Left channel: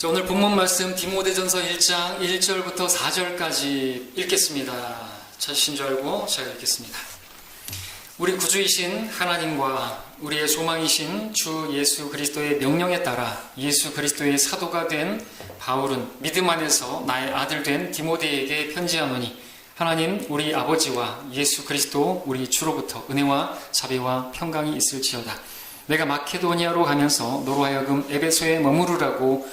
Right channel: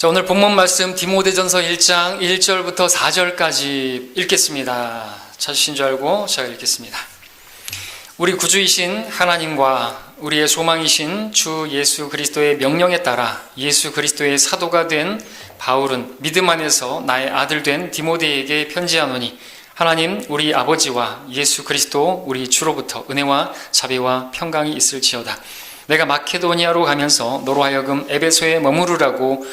자, 오늘 본문 말씀 디모데전서 1장 1절부터 4절까지 읽겠습니다. 찾으신 줄 알고 제가 읽겠습니다. 우리 구주이신 하나님과 우리의 소망이신 주 예수 그리스도의 명령에 따라 예수 그리스도의 사도가 된 바울은 믿음 안에서 나의 아들 된 디모데에게 편지하노니 하나님 우리 아버지와 예수 그리스도 우리 주로부터 은혜와 자비와 평강이 있을지어다. 내가 마케도니아로 가면서 너로 하여금 에베소에 머무르라고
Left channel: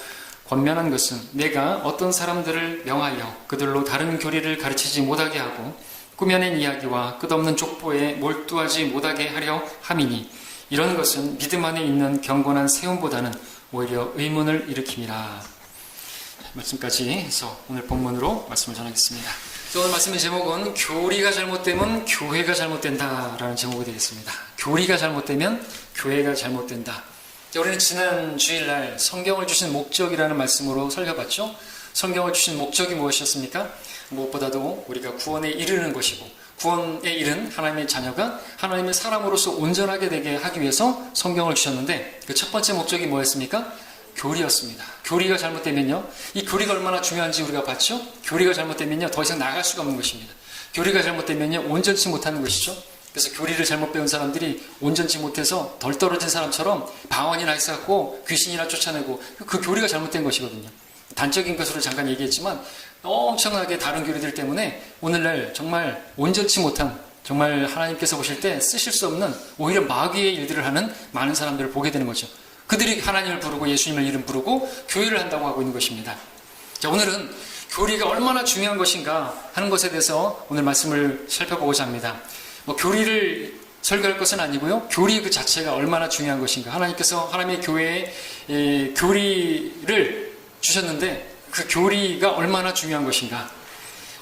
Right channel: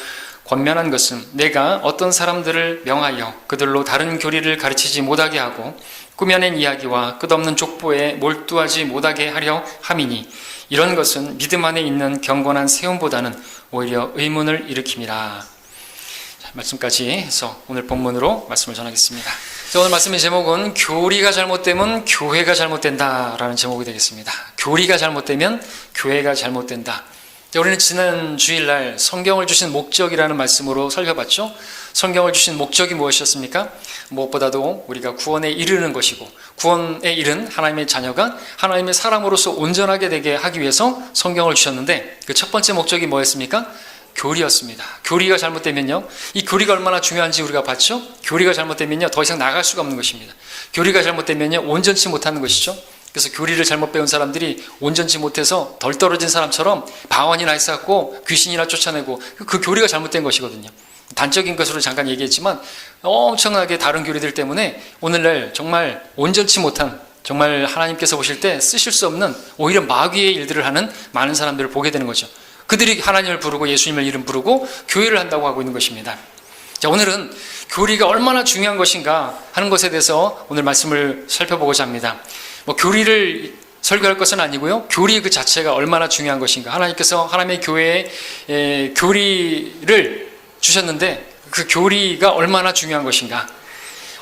권면한 것은 내가 어떤 사람들을 명하여 그들로 다른 교리를 가르치지 못하게 하고 꾸며낸 이야기와 끝없는 족보에 몰두하지 못하게 하려 함이니 이런 것은 믿음 안에 있는 경건한 세움보다는 오히려 의문을 일으킵니다. 말씀까지 해서 오늘 본문으로 말씀을 전하겠습니다. 오늘 말씀의 제목은 교리가 잘못되면 교회가 잘못된다라는 제목이 되겠습니다. 교리가 잘못되면 교회가 잘못된다. 우리는 지난 주일날 성경을 주신 목적이라는 말씀으로 살펴봤죠. 성경을 주신 목적이 무엇이었습니까? 무엇보다도 우리가 구원에 이르는 것이고 구원에 이른 하나님의 자녀가 하나님의 사람으로서 온전하게 되게 하기 위해서 성경을 주셨는데 그 첫 번째 목적이 뭐였습니까? 교리였습니다. 교리가 잘못되면요, 이 교리가 얼마나 중요한지 우리가 봤죠. 교리가 잘못되면요 더 이상 나갈 수가 없는 것입니다. 교리가 잘못되면요 온전치 못하는 것이죠. 그래서 교리를 잘못 배운 사람들이 온전치 못해서 덜 떨어진 사람처럼 방언이나 했었고 귀신이나 쫓아내고 그 교리가 잘못된 것이거든요. 단적인 것으로 잠깐 얘기했지만 엄청나게 다른 교리들 때문에 오늘날 정말 온전치 못한, 정말 하나님께서 보실 때 쓰실 수 없는 오히려 마귀의 일들을 하는 많은 사람들을 보게 되는 거죠. 그들이 하나님을 부르고 예수님을 이름 부르고 교회를 한다고 하고 있는 것입니다. 자, 오늘은 교리가 얼마나 중요한 것인가 하는 것에 대해서 오늘 말씀을 살펴보고자 합니다. 교리를 설교할 것은 아니고요, 교리 그 자체가 얼마나 중요한 것인가. 하나님께서 하나님의 교회에 교리를 주셨는데 그 교리가 얼마나 중요한 것인가.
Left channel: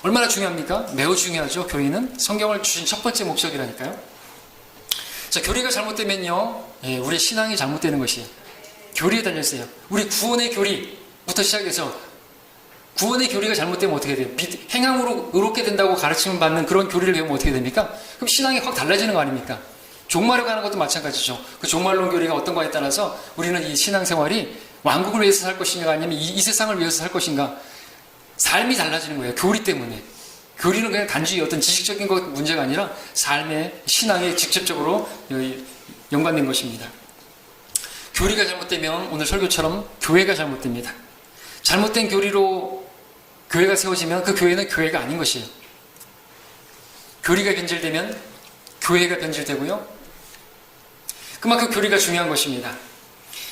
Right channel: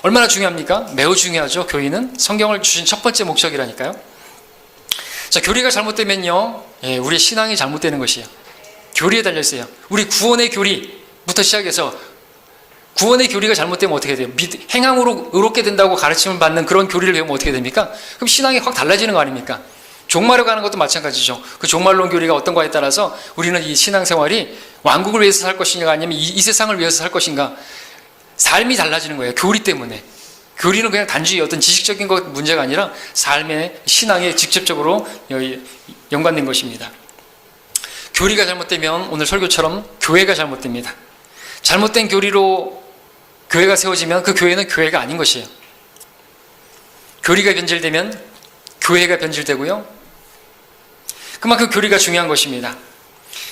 얼마나 중요합니까? 매우 중요하죠. 교리는 성경을 주신 첫 번째 목적이라니까요. 자, 교리가 잘못되면요, 우리의 신앙이 잘못되는 것이에요. 교리에 달려있어요. 우리 구원의 교리부터 시작해서 구원의 교리가 잘못되면 어떻게 돼요? 행함으로 의롭게 된다고 가르침을 받는 그런 교리를 배우면 어떻게 됩니까? 그럼 신앙이 확 달라지는 거 아닙니까? 종말로 가는 것도 마찬가지죠. 그 종말론 교리가 어떤 거에 따라서 우리는 이 신앙생활이 왕국을 위해서 살 것인가 아니면 이 세상을 위해서 살 것인가, 삶이 달라지는 거예요. 교리 때문에. 교리는 그냥 단지 어떤 지식적인 것 문제가 아니라 삶의 신앙에 직접적으로 연관된 것입니다. 교리가 잘못되면 오늘 설교처럼 교회가 잘못됩니다. 잘못된 교리로 교회가 세워지면 그 교회는 교회가 아닌 것이에요. 교리가 변질되면 교회가 변질되고요, 그만큼 교리가 중요한 것입니다.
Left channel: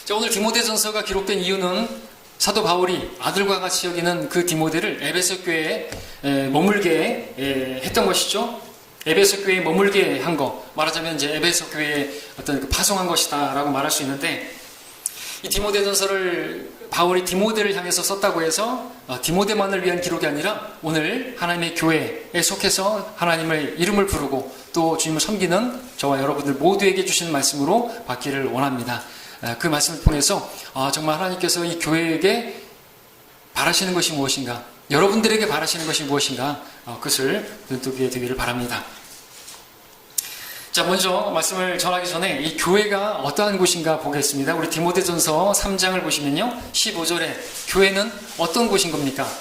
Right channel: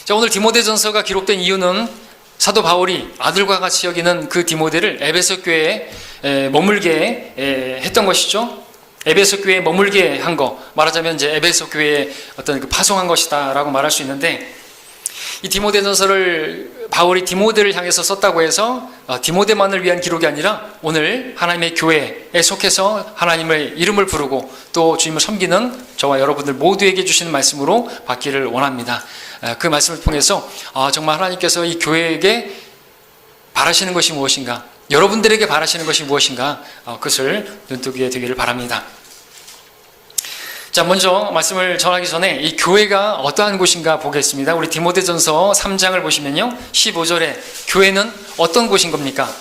자, 오늘 디모데전서가 기록된 이유는 사도 바울이 아들과 같이 여기는 그 디모데를 에베소 교회에 머물게 했던 것이죠. 에베소 교회에 머물게 한 거, 말하자면 이제 에베소 교회에 어떤 파송한 것이다라고 말할 수 있는데, 이 디모데전서를 바울이 디모데를 향해서 썼다고 해서 디모데만을 위한 기록이 아니라 오늘 하나님의 교회에 속해서 하나님의 이름을 부르고 또 주님을 섬기는 저와 여러분들 모두에게 주시는 말씀으로 받기를 원합니다. 그 말씀을 통해서 정말 하나님께서 이 교회에게 바라시는 것이 무엇인가, 여러분들에게 바라시는 것이 무엇인가, 그것을 눈뜨게 되기를 바랍니다. 자, 먼저 말씀을 전하기 전에 이 교회가 어떠한 곳인가 보겠습니다. 우리 디모데전서 3장을 보시면요, 15절에 교회는 어떤 곳인 겁니까?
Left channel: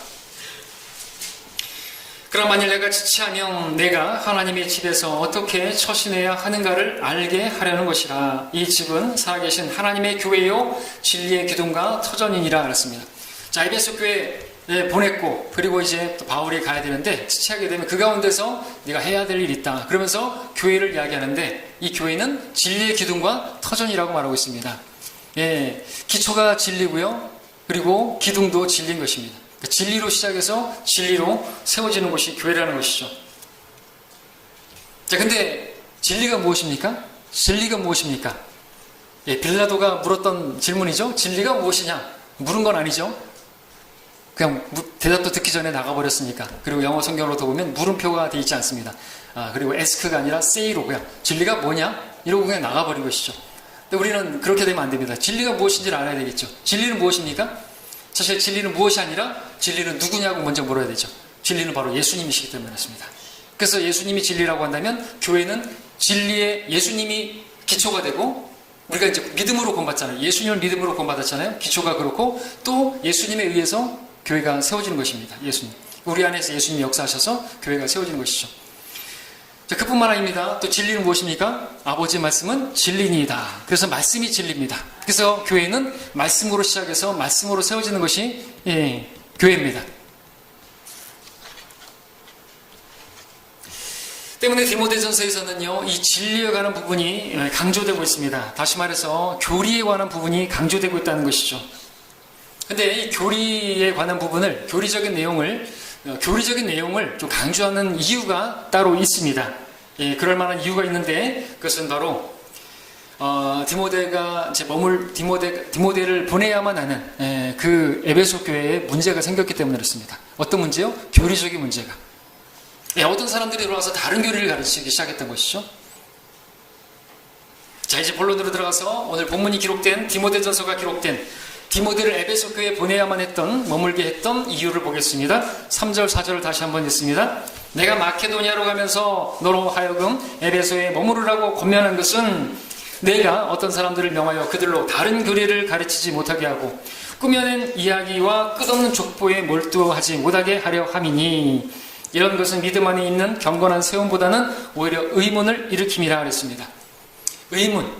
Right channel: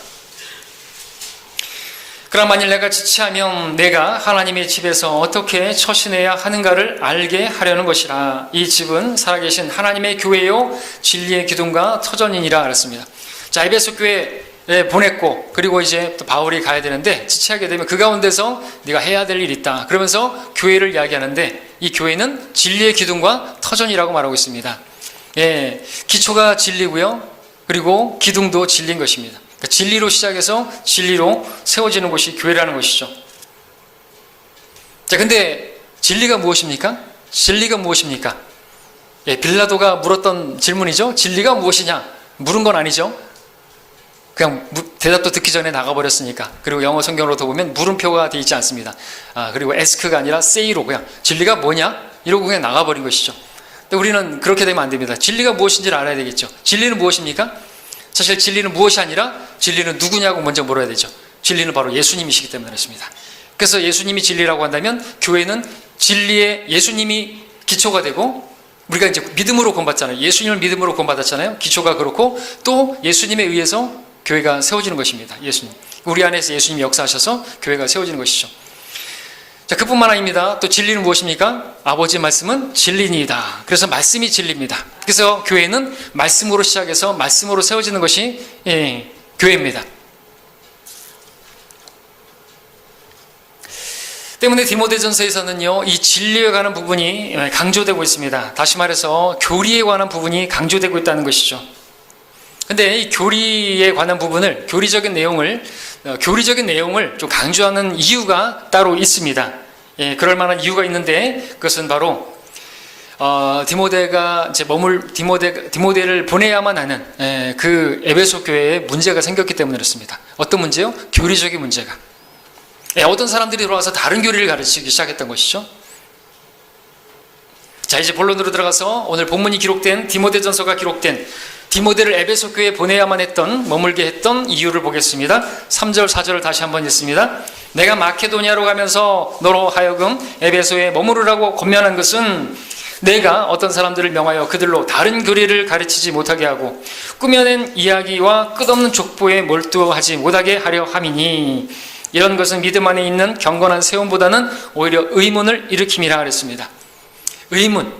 그럼 만일 내가 지체하면 내가 하나님의 집에서 어떻게 처신해야 하는가를 알게 하려는 것이라. 이 집은 살아계신 하나님의 교회요 진리의 기둥과 터전이니라 그랬습니다. 자, 에베소 교회에 보냈고, 그리고 이제 또 바울이 가야 되는데 지체하게 되면 그 가운데서 네가 해야 될 일이 있다 그러면서 교회를 이야기하는데, 이 교회는 진리의 기둥과 터전이라고 말하고 있습니다. 기초가 진리고요, 그리고 기둥도 진리인 것입니다. 그러니까 진리로 시작해서 진리로 세워지는 곳이 교회라는 것이죠. 자, 근데 진리가 무엇입니까? 진리가 무엇입니까? 빌라도가 물었던 질문이죠. 진리가 무엇이냐? 물은 건 아니죠. 그냥 대답도 듣기 전에 나가버렸으니까. 그리고 영어 성경으로도 보면 물음표가 되어 있지 않습니다. 그리고 ask가 아니라 say로 그냥 진리가 뭐냐? 이러고 그냥 나가버린 것이죠. 근데 우리는 그렇게 되면 안 됩니다. 진리가 무엇인지를 알아야 되겠죠. 진리는 무엇입니까? 사실 진리는 무엇이 아니라 진리는 누구냐고 먼저 물어야 되죠. 진리는 바로 예수님이시기 때문에 그렇습니다. 그래서 예수님이 진리라고 한다면 교회는 진리의 예수님이 기초가 되고 우리가 이제 믿음으로 구원받잖아요. 예수님을 믿음으로 구원받았잖아요. 기초가 그렇고 또 예수님에 의해서 교회가 세워지는 것입니다. 예수님. 우리 안에서 예수님이 역사하셔서 교회가 세워지는 것이죠. 자, 그뿐만 아닙니다. 또 진리는 무엇입니까? 아버지의 말씀은 진리니이다. 그래서 말씀이 진리입니다. 그래서 교회는 말씀으로 시작해서 말씀으로 세워지는 것이 교회입니다. 때문에 디모데전서에서는요, 이 진리에 관한 부분이 강조되고 있습니다. 다시 말해서 교리에 관한 부분이 강조되고 있다는 것이죠. 근데 이 교리에 관한 부분을, 교리적인 내용을 좀 강조하는 이유가 따로 있습니다. 그럴 만한 이유가 있는데, 그것은 바로 디모데가 이제 디모데를 보내야만 하는 그 에베소 교회에 문제가 생겼기 때문에 그렇습니다. 어떤 문제요? 교리적인 문제가. 어떤 사람들이 들어와서 다른 교리를 가르치기 시작했던 것이죠. 자, 이제 본론으로 들어가서 오늘 본문이 기록된 디모데전서가 기록된 디모데를 에베소 교회에 보내야만 했던, 머물게 했던 이유를 보겠습니다. 3절 4절을 다시 한번 읽습니다. 내가 마케도니아로 가면서 너로 하여금 에베소에 머무르라고 권면한 것은 내가 어떤 사람들을 명하여 그들로 다른 교리를 가르치지 못하게 하고 꾸며낸 이야기와 끝없는 족보에 몰두하지 못하게 하려 함이니, 이런 것은 믿음 안에 있는 경건한 세움보다는 오히려 의문을 일으킴이라 그랬습니다. 의문,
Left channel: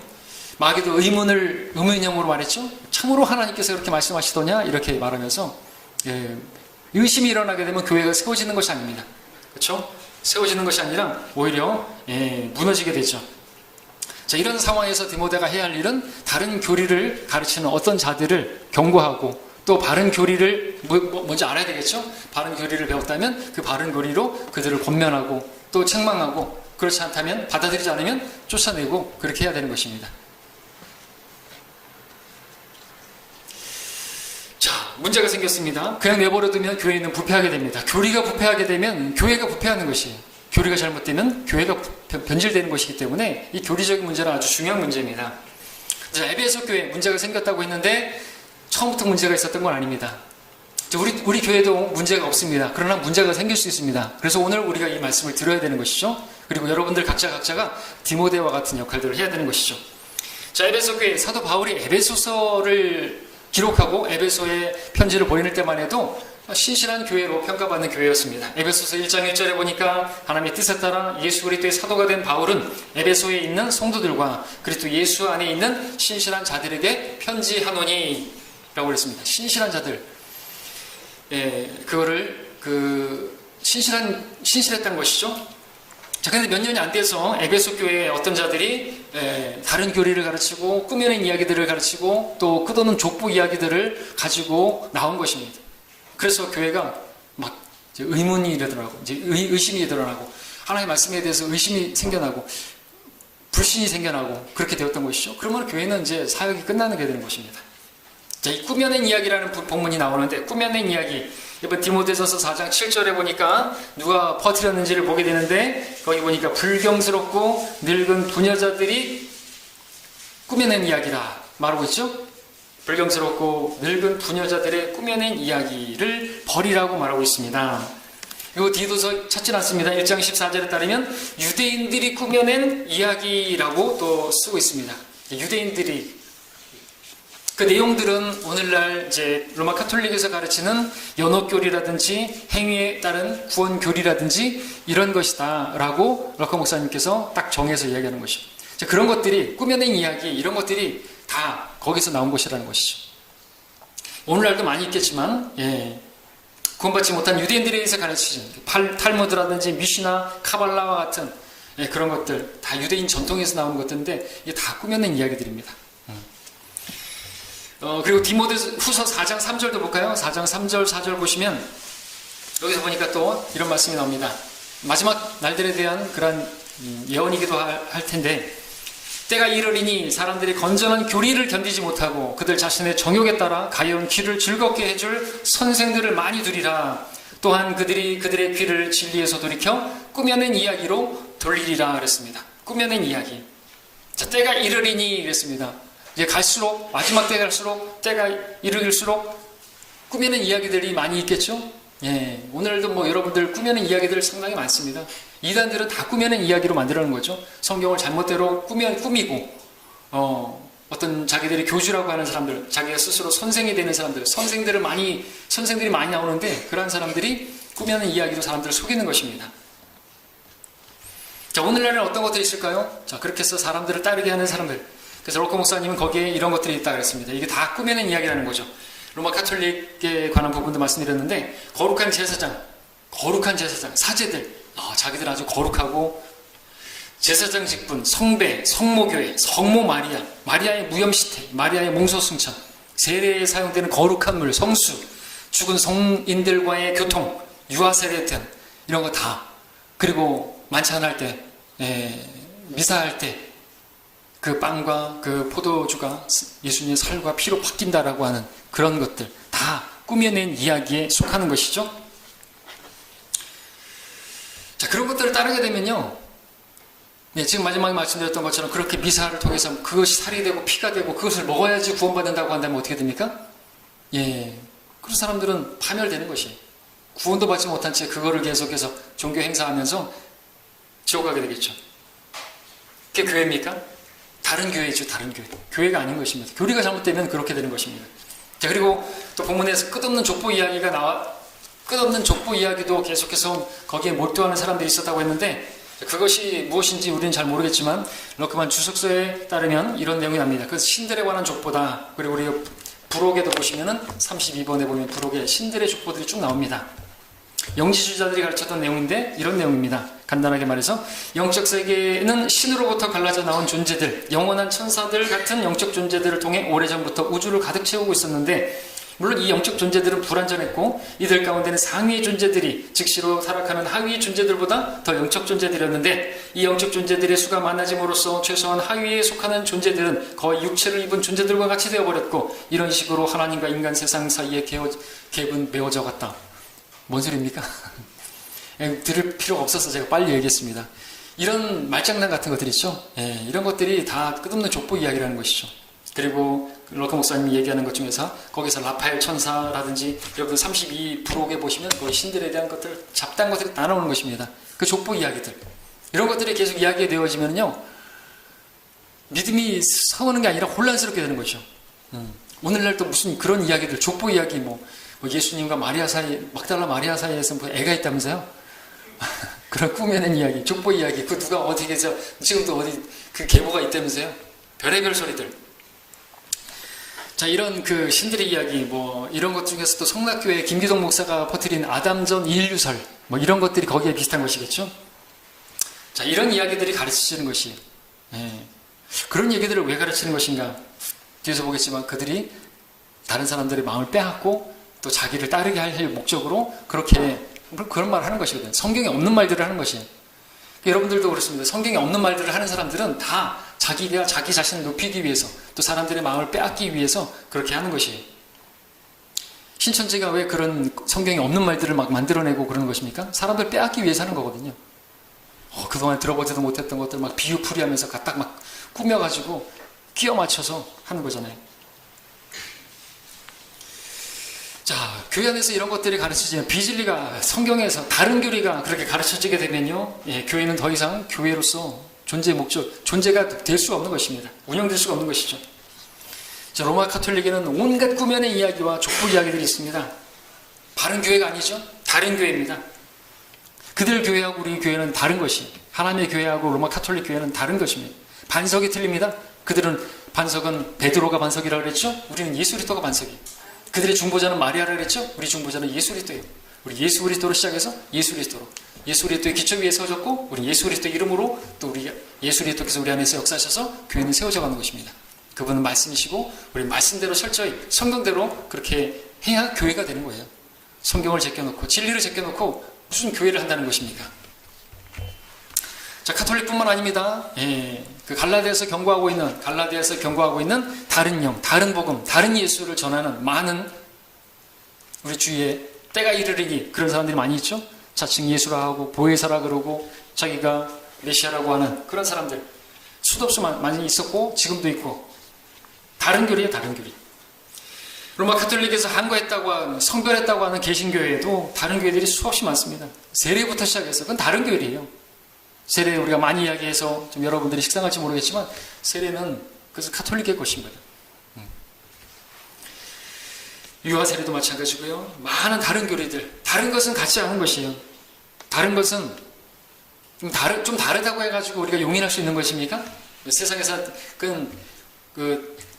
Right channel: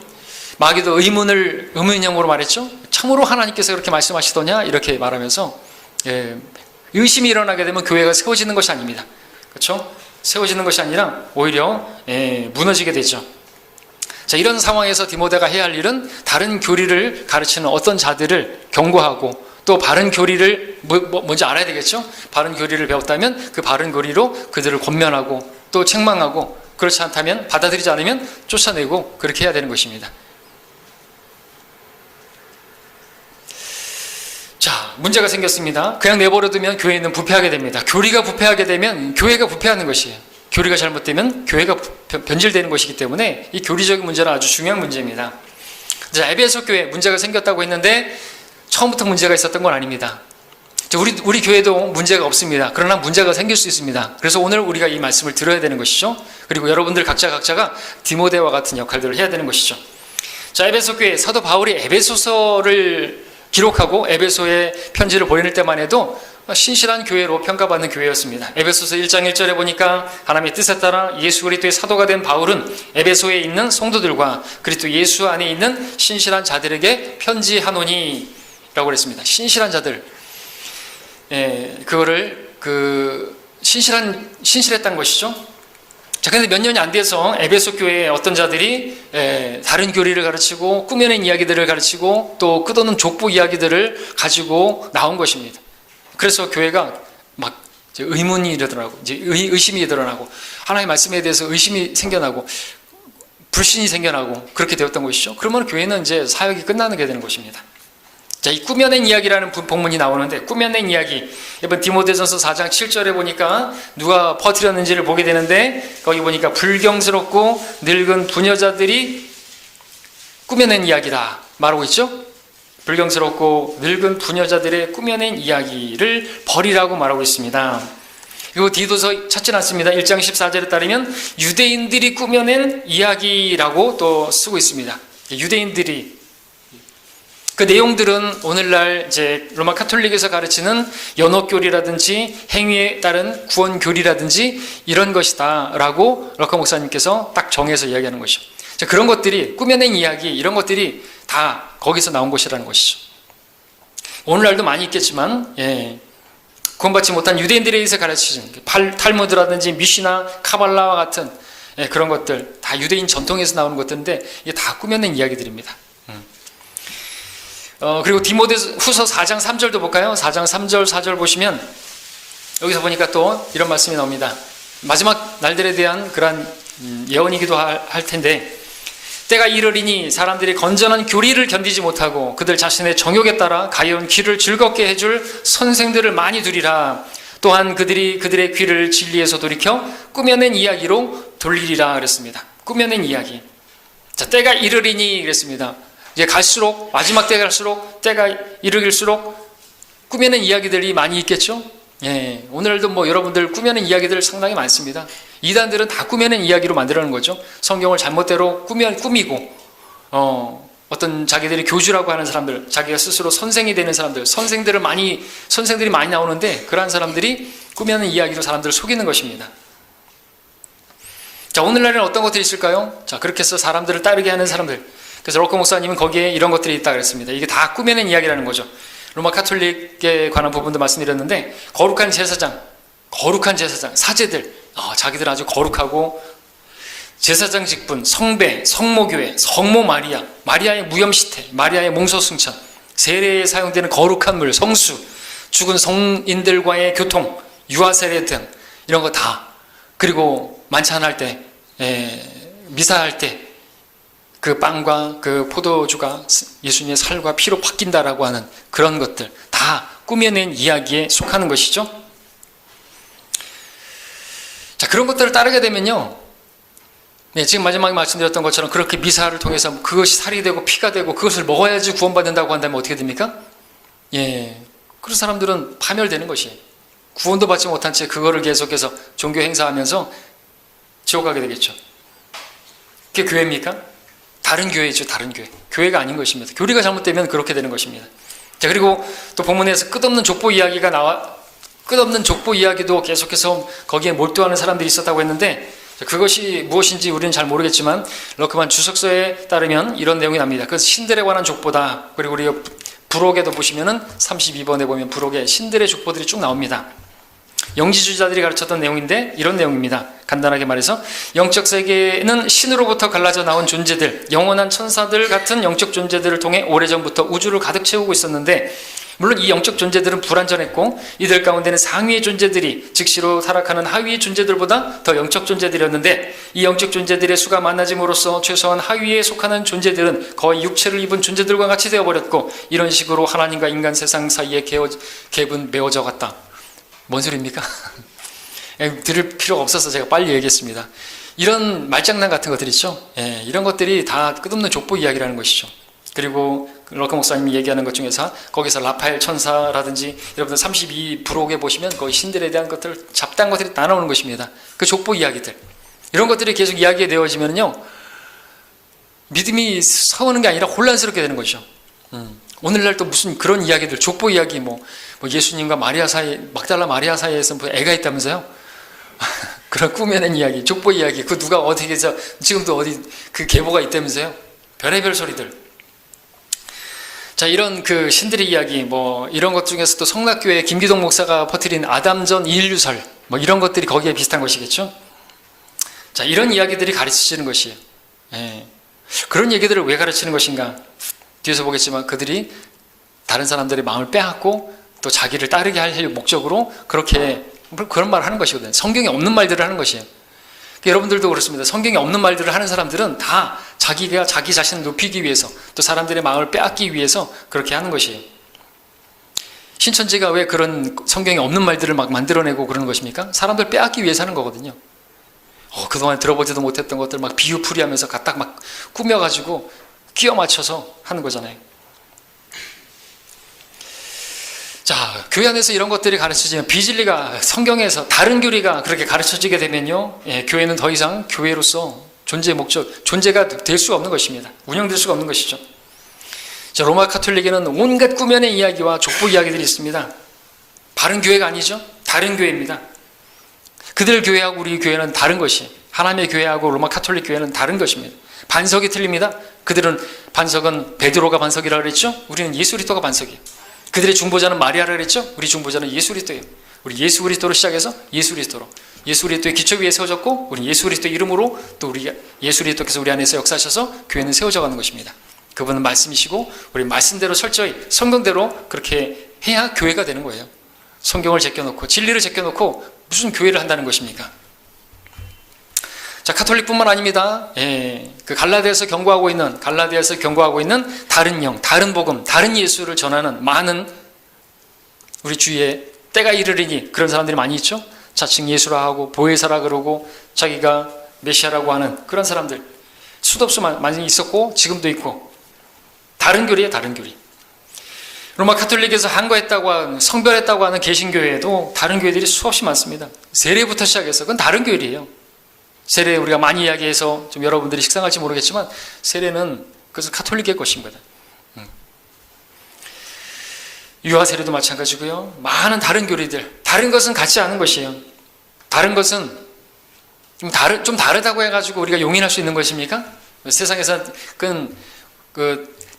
마귀도 의문형으로 말했죠. 참으로 하나님께서 그렇게 말씀하시더냐 이렇게 말하면서 의심이 일어나게 되면 교회가 세워지는 것이 아닙니다. 그렇죠? 세워지는 것이 아니라 오히려 무너지게 되죠. 자, 이런 상황에서 디모데가 해야 할 일은 다른 교리를 가르치는 어떤 자들을 경고하고, 또 바른 교리를 뭔지 알아야 되겠죠? 바른 교리를 배웠다면 그 바른 교리로 그들을 권면하고 또 책망하고, 그렇지 않다면, 받아들이지 않으면 쫓아내고, 그렇게 해야 되는 것입니다. 자, 문제가 생겼습니다. 그냥 내버려두면 교회는 부패하게 됩니다. 교리가 부패하게 되면 교회가 부패하는 것이에요. 교리가 잘못되면 교회가 변질되는 것이기 때문에 이 교리적인 문제는 아주 중요한 문제입니다. 자, 에베소 교회 문제가 생겼다고 했는데 처음부터 문제가 있었던 건 아닙니다. 우리 교회도 문제가 없습니다. 그러나 문제가 생길 수 있습니다. 그래서 오늘 우리가 이 말씀을 들어야 되는 것이죠. 그리고 여러분들 각자가 디모데와 같은 역할들을 해야 되는 것이죠. 자, 에베소 교회, 사도 바울이 에베소서를 기록하고 에베소에 편지를 보낼 때만 해도 신실한 교회로 평가받는 교회였습니다. 에베소서 1장 1절에 보니까 하나님의 뜻에 따라 예수 그리스도의 사도가 된 바울은 에베소에 있는 성도들과 그리스도 예수 안에 있는 신실한 자들에게 편지하노니 라고 그랬습니다. 신실한 자들, 그거를 신실했다는 것이죠. 자, 근데 몇 년이 안 돼서 에베소 교회에 어떤 자들이 다른 교리를 가르치고 꾸며낸 이야기들을 가르치고 또 끝없는 족보 이야기들을 가지고 나온 것입니다. 그래서 교회가 막 의문이 일어나고, 이제 의심이 일어나고, 하나님의 말씀에 대해서 의심이 생겨나고, 불신이 생겨나고, 그렇게 되었던 것이죠. 그러면 교회는 이제 사역이 끝나는 게 되는 것입니다. 자, 이 꾸며낸 이야기라는 본문이 나오는데, 꾸며낸 이야기, 이번 디모데전서 4장 7절에 보니까 누가 퍼뜨렸는지를 보게 되는데, 거기 보니까 불경스럽고 늙은 부녀자들이 꾸며낸 이야기다 말하고 있죠. 불경스럽고 늙은 부녀자들의 꾸며낸 이야기를 버리라고 말하고 있습니다. 그리고 디도서 찾지 않습니다. 1장 14절에 따르면 유대인들이 꾸며낸 이야기라고 또 쓰고 있습니다. 유대인들이, 그 내용들은 오늘날 이제 로마 카톨릭에서 가르치는 연옥교리라든지 행위에 따른 구원교리라든지 이런 것이다라고 럭커 목사님께서 딱 정해서 이야기하는 것이죠. 그런 것들이, 꾸며낸 이야기, 이런 것들이 다 거기서 나온 것이라는 것이죠. 오늘날도 많이 있겠지만, 구원받지 못한 유대인들에 의해서 가르치는 탈무드라든지 미시나 카발라와 같은 그런 것들, 다 유대인 전통에서 나오는 것들인데 이게 다 꾸며낸 이야기들입니다. 그리고 디모데후서 4장 3절도 볼까요? 4장 3절 4절 보시면 여기서 보니까 또 이런 말씀이 나옵니다. 마지막 날들에 대한 그런 예언이기도 할 텐데, 때가 이르리니 사람들이 건전한 교리를 견디지 못하고 그들 자신의 정욕에 따라 가여운 귀를 즐겁게 해줄 선생들을 많이 두리라. 또한 그들이 그들의 귀를 진리에서 돌이켜 꾸며낸 이야기로 돌리리라 그랬습니다. 꾸며낸 이야기. 자, 때가 이르리니 그랬습니다. 이제 갈수록, 마지막 때 갈수록, 때가 이르길수록 꾸며낸 이야기들이 많이 있겠죠? 오늘도 뭐 여러분들 꾸며낸 이야기들 상당히 많습니다. 이단들은 다 꾸며낸 이야기로 만들어낸 거죠. 성경을 잘못대로 꾸미고, 어떤 자기들이 교주라고 하는 사람들, 자기가 스스로 선생이 되는 사람들, 선생들이 많이 나오는데 그러한 사람들이 꾸며낸 이야기로 사람들을 속이는 것입니다. 자, 오늘날에는 어떤 것들이 있을까요? 자, 그렇게 해서 사람들을 따르게 하는 사람들. 그래서 럭커 목사님은 거기에 이런 것들이 있다 그랬습니다. 이게 다 꾸며낸 이야기라는 거죠. 로마 카톨릭에 관한 부분도 말씀드렸는데 거룩한 제사장, 사제들, 자기들은 아주 거룩하고 제사장 직분, 성배, 성모교회, 성모 마리아, 마리아의 무염시태, 마리아의 몽소승천, 세례에 사용되는 거룩한 물, 성수, 죽은 성인들과의 교통, 유아세례 등 이런 거 다, 그리고 만찬할 때, 미사할 때 그 빵과 그 포도주가 예수님의 살과 피로 바뀐다라고 하는 그런 것들 다 꾸며낸 이야기에 속하는 것이죠. 자, 그런 것들을 따르게 되면요, 지금 마지막에 말씀드렸던 것처럼 그렇게 미사를 통해서 그것이 살이 되고 피가 되고 그것을 먹어야지 구원받는다고 한다면 어떻게 됩니까? 그런 사람들은 파멸되는 것이에요. 구원도 받지 못한 채 그거를 계속해서 종교 행사하면서 지옥 가게 되겠죠. 그게 교회입니까? 다른 교회죠. 다른 교회. 교회가 아닌 것입니다. 교리가 잘못되면 그렇게 되는 것입니다. 자, 그리고 또 본문에서 끝없는 족보 이야기도 계속해서 거기에 몰두하는 사람들이 있었다고 했는데, 그것이 무엇인지 우리는 잘 모르겠지만 럭커만 주석서에 따르면 이런 내용이 납니다. 그 신들에 관한 족보다. 그리고 우리 부록에도 보시면은 32번에 보면 부록에 신들의 족보들이 쭉 나옵니다. 영지주의자들이 가르쳤던 내용인데 이런 내용입니다. 간단하게 말해서 영적 세계는 신으로부터 갈라져 나온 존재들, 영원한 천사들 같은 영적 존재들을 통해 오래전부터 우주를 가득 채우고 있었는데, 물론 이 영적 존재들은 불완전했고 이들 가운데는 상위의 존재들이 즉시로 타락하는 하위의 존재들보다 더 영적 존재들이었는데, 이 영적 존재들의 수가 많아짐으로써 최소한 하위에 속하는 존재들은 거의 육체를 입은 존재들과 같이 되어버렸고, 이런 식으로 하나님과 인간 세상 사이에 갭은 메워져 갔다. 뭔 소리입니까? 들을 필요가 없어서 제가 빨리 얘기했습니다. 이런 말장난 같은 것들 있죠. 이런 것들이 다 끝없는 족보 이야기라는 것이죠. 그리고 럭커 목사님이 얘기하는 것 중에서 거기서 라파엘 천사라든지 여러분들 32 부록에 보시면 거기 신들에 대한 것들, 잡다한 것들이 다 나오는 것입니다. 그 족보 이야기들, 이런 것들이 계속 이야기가 되어지면요, 믿음이 서오는 게 아니라 혼란스럽게 되는 것이죠. 오늘날 또 무슨 그런 이야기들, 족보 이야기, 뭐 예수님과 마리아 사이, 막달라 마리아 사이에서 뭐 애가 있다면서요? 그런 꾸며낸 이야기, 족보 이야기, 그 누가 어떻게 해서 지금도 어디 그 계보가 있다면서요? 별의별 소리들. 자, 이런 그 신들의 이야기, 뭐 이런 것 중에서 또 성락교회 김기동 목사가 퍼뜨린 아담전 인류설, 뭐 이런 것들이 거기에 비슷한 것이겠죠. 자, 이런 이야기들이 가르치시는 것이에요. 그런 얘기들을 왜 가르치는 것인가? 뒤에서 보겠지만 그들이 다른 사람들의 마음을 빼앗고 또 자기를 따르게 할 목적으로 그렇게 그런 말을 하는 것이거든요. 성경에 없는 말들을 하는 것이에요. 여러분들도 그렇습니다. 성경에 없는 말들을 하는 사람들은 다 자기가 자기 자신을 높이기 위해서, 또 사람들의 마음을 빼앗기 위해서 그렇게 하는 것이에요. 신천지가 왜 그런 성경에 없는 말들을 막 만들어내고 그러는 것입니까? 사람들 빼앗기 위해서 하는 거거든요. 그동안 들어보지도 못했던 것들 막 비유풀이하면서 갖다 막 꾸며가지고 끼워 맞춰서 하는 거잖아요. 자, 교회 안에서 이런 것들이 가르쳐지면, 비진리가 성경에서 다른 교리가 그렇게 가르쳐지게 되면요, 교회는 더 이상 교회로서 존재의 목적, 존재가 될 수가 없는 것입니다. 운영될 수가 없는 것이죠. 자, 로마 카톨릭에는 온갖 꾸며낸 이야기와 족보 이야기들이 있습니다. 바른 교회가 아니죠. 다른 교회입니다. 그들 교회하고 우리 교회는 다른 것이에요. 하나님의 교회하고 로마 카톨릭 교회는 다른 것입니다. 반석이 틀립니다. 그들은 반석은 베드로가 반석이라고 그랬죠. 우리는 예수 그리스도가 반석이에요. 그들의 중보자는 마리아라 그랬죠. 우리 중보자는 예수 그리스도예요. 우리 예수 그리스도로 시작해서 예수 그리스도로, 예수 그리스도의 기초 위에 세워졌고, 우리 예수 그리스도 이름으로 또 우리 예수 그리스도께서 우리 안에서 역사하셔서 교회는 세워져 가는 것입니다. 그분은 말씀이시고 우리 말씀대로 철저히 성경대로 그렇게 해야 교회가 되는 거예요. 성경을 제껴놓고 진리를 제껴놓고 무슨 교회를 한다는 것입니까? 자, 카톨릭뿐만 아닙니다. 그 갈라디아에서 경고하고 있는 다른 영, 다른 복음, 다른 예수를 전하는 많은 우리 주위에 때가 이르리니 그런 사람들이 많이 있죠. 자칭 예수라 하고 보혜사라 그러고 자기가 메시아라고 하는 그런 사람들 수도 없이 많이 있었고 지금도 있고, 다른 교리예요. 다른 교리. 로마 카톨릭에서 한거했다고 하는, 성별했다고 하는 개신교회에도 다른 교회들이 수없이 많습니다. 세례부터 시작해서 그건 다른 교리예요. 세례 우리가 많이 이야기해서 좀 여러분들이 식상할지 모르겠지만, 세례는 그것은 카톨릭의 것입니다. 유아 세례도 마찬가지고요. 많은 다른 교리들, 다른 것은 같지 않은 것이에요. 다른 것은 좀 다르다고 해가지고 우리가 용인할 수 있는 것입니까? 세상에서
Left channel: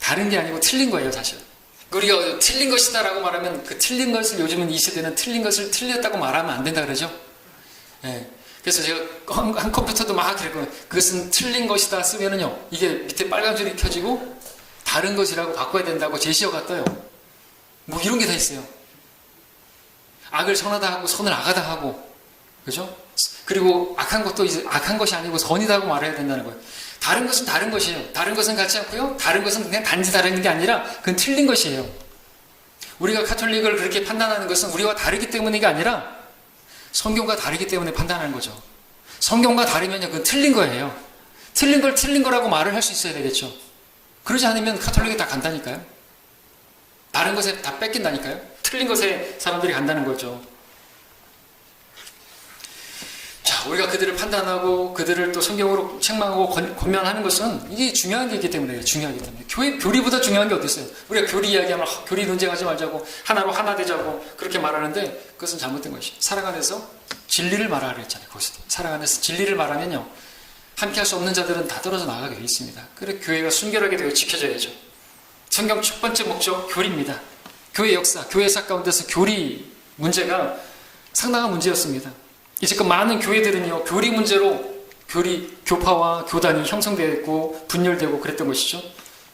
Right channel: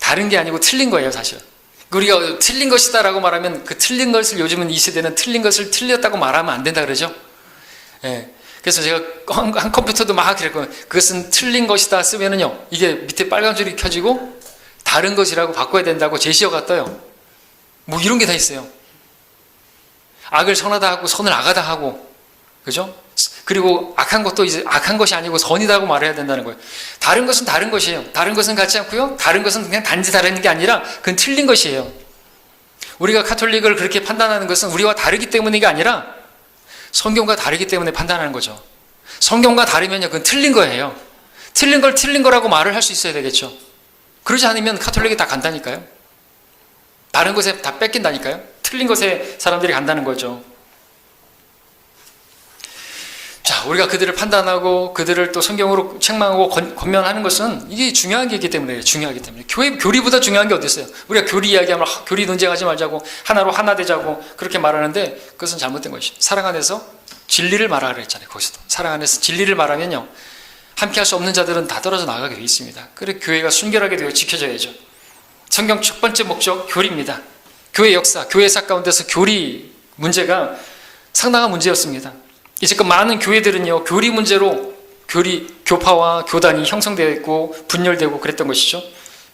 다른 게 아니고 틀린 거예요, 사실. 우리가 틀린 것이다라고 말하면 그 틀린 것을 요즘은 이 세대는 틀린 것을 틀렸다고 말하면 안 된다 그러죠. 예. 그래서 제가 한 컴퓨터도 막 그랬고, 그것은 틀린 것이다 쓰면은요, 이게 밑에 빨간 줄이 켜지고 다른 것이라고 바꿔야 된다고 제시어가 떠요. 뭐 이런 게 다 있어요. 악을 선하다 하고 선을 악하다 하고, 그죠? 그리고 악한 것도 이제 악한 것이 아니고 선이다 하고 말해야 된다는 거예요. 다른 것은 다른 것이에요. 다른 것은 같지 않고요. 다른 것은 그냥 단지 다른 게 아니라 그건 틀린 것이에요. 우리가 카톨릭을 그렇게 판단하는 것은 우리와 다르기 때문이 아니라 성경과 다르기 때문에 판단하는 거죠. 성경과 다르면요, 그건 틀린 거예요. 틀린 걸 틀린 거라고 말을 할 수 있어야 되겠죠. 그러지 않으면 카톨릭이 다 간다니까요. 다른 것에 다 뺏긴다니까요. 틀린 것에 사람들이 간다는 거죠. 자, 우리가 그들을 판단하고 그들을 또 성경으로 책망하고 권면하는 것은 이게 중요한 게 있기 때문에 중요하기 때문에 교리보다 중요한 게 어디 있어요? 우리가 교리 이야기하면 교리 논쟁하지 말자고 하나로 하나 되자고 그렇게 말하는데 그것은 잘못된 것이죠. 사랑 안에서 진리를 말하라 그랬잖아요. 거기서도 사랑 안에서 진리를 말하면요, 함께할 수 없는 자들은 다 떨어져 나가게 되어 있습니다. 그래 교회가 순결하게 되어 지켜져야죠. 성경 첫 번째 목적 교리입니다. 교회 역사, 교회사 가운데서 교리 문제가 상당한 문제였습니다. 이제껏 많은 교회들은요, 교리 문제로 교파와 교단이 형성되어 있고 분열되고 그랬던 것이죠.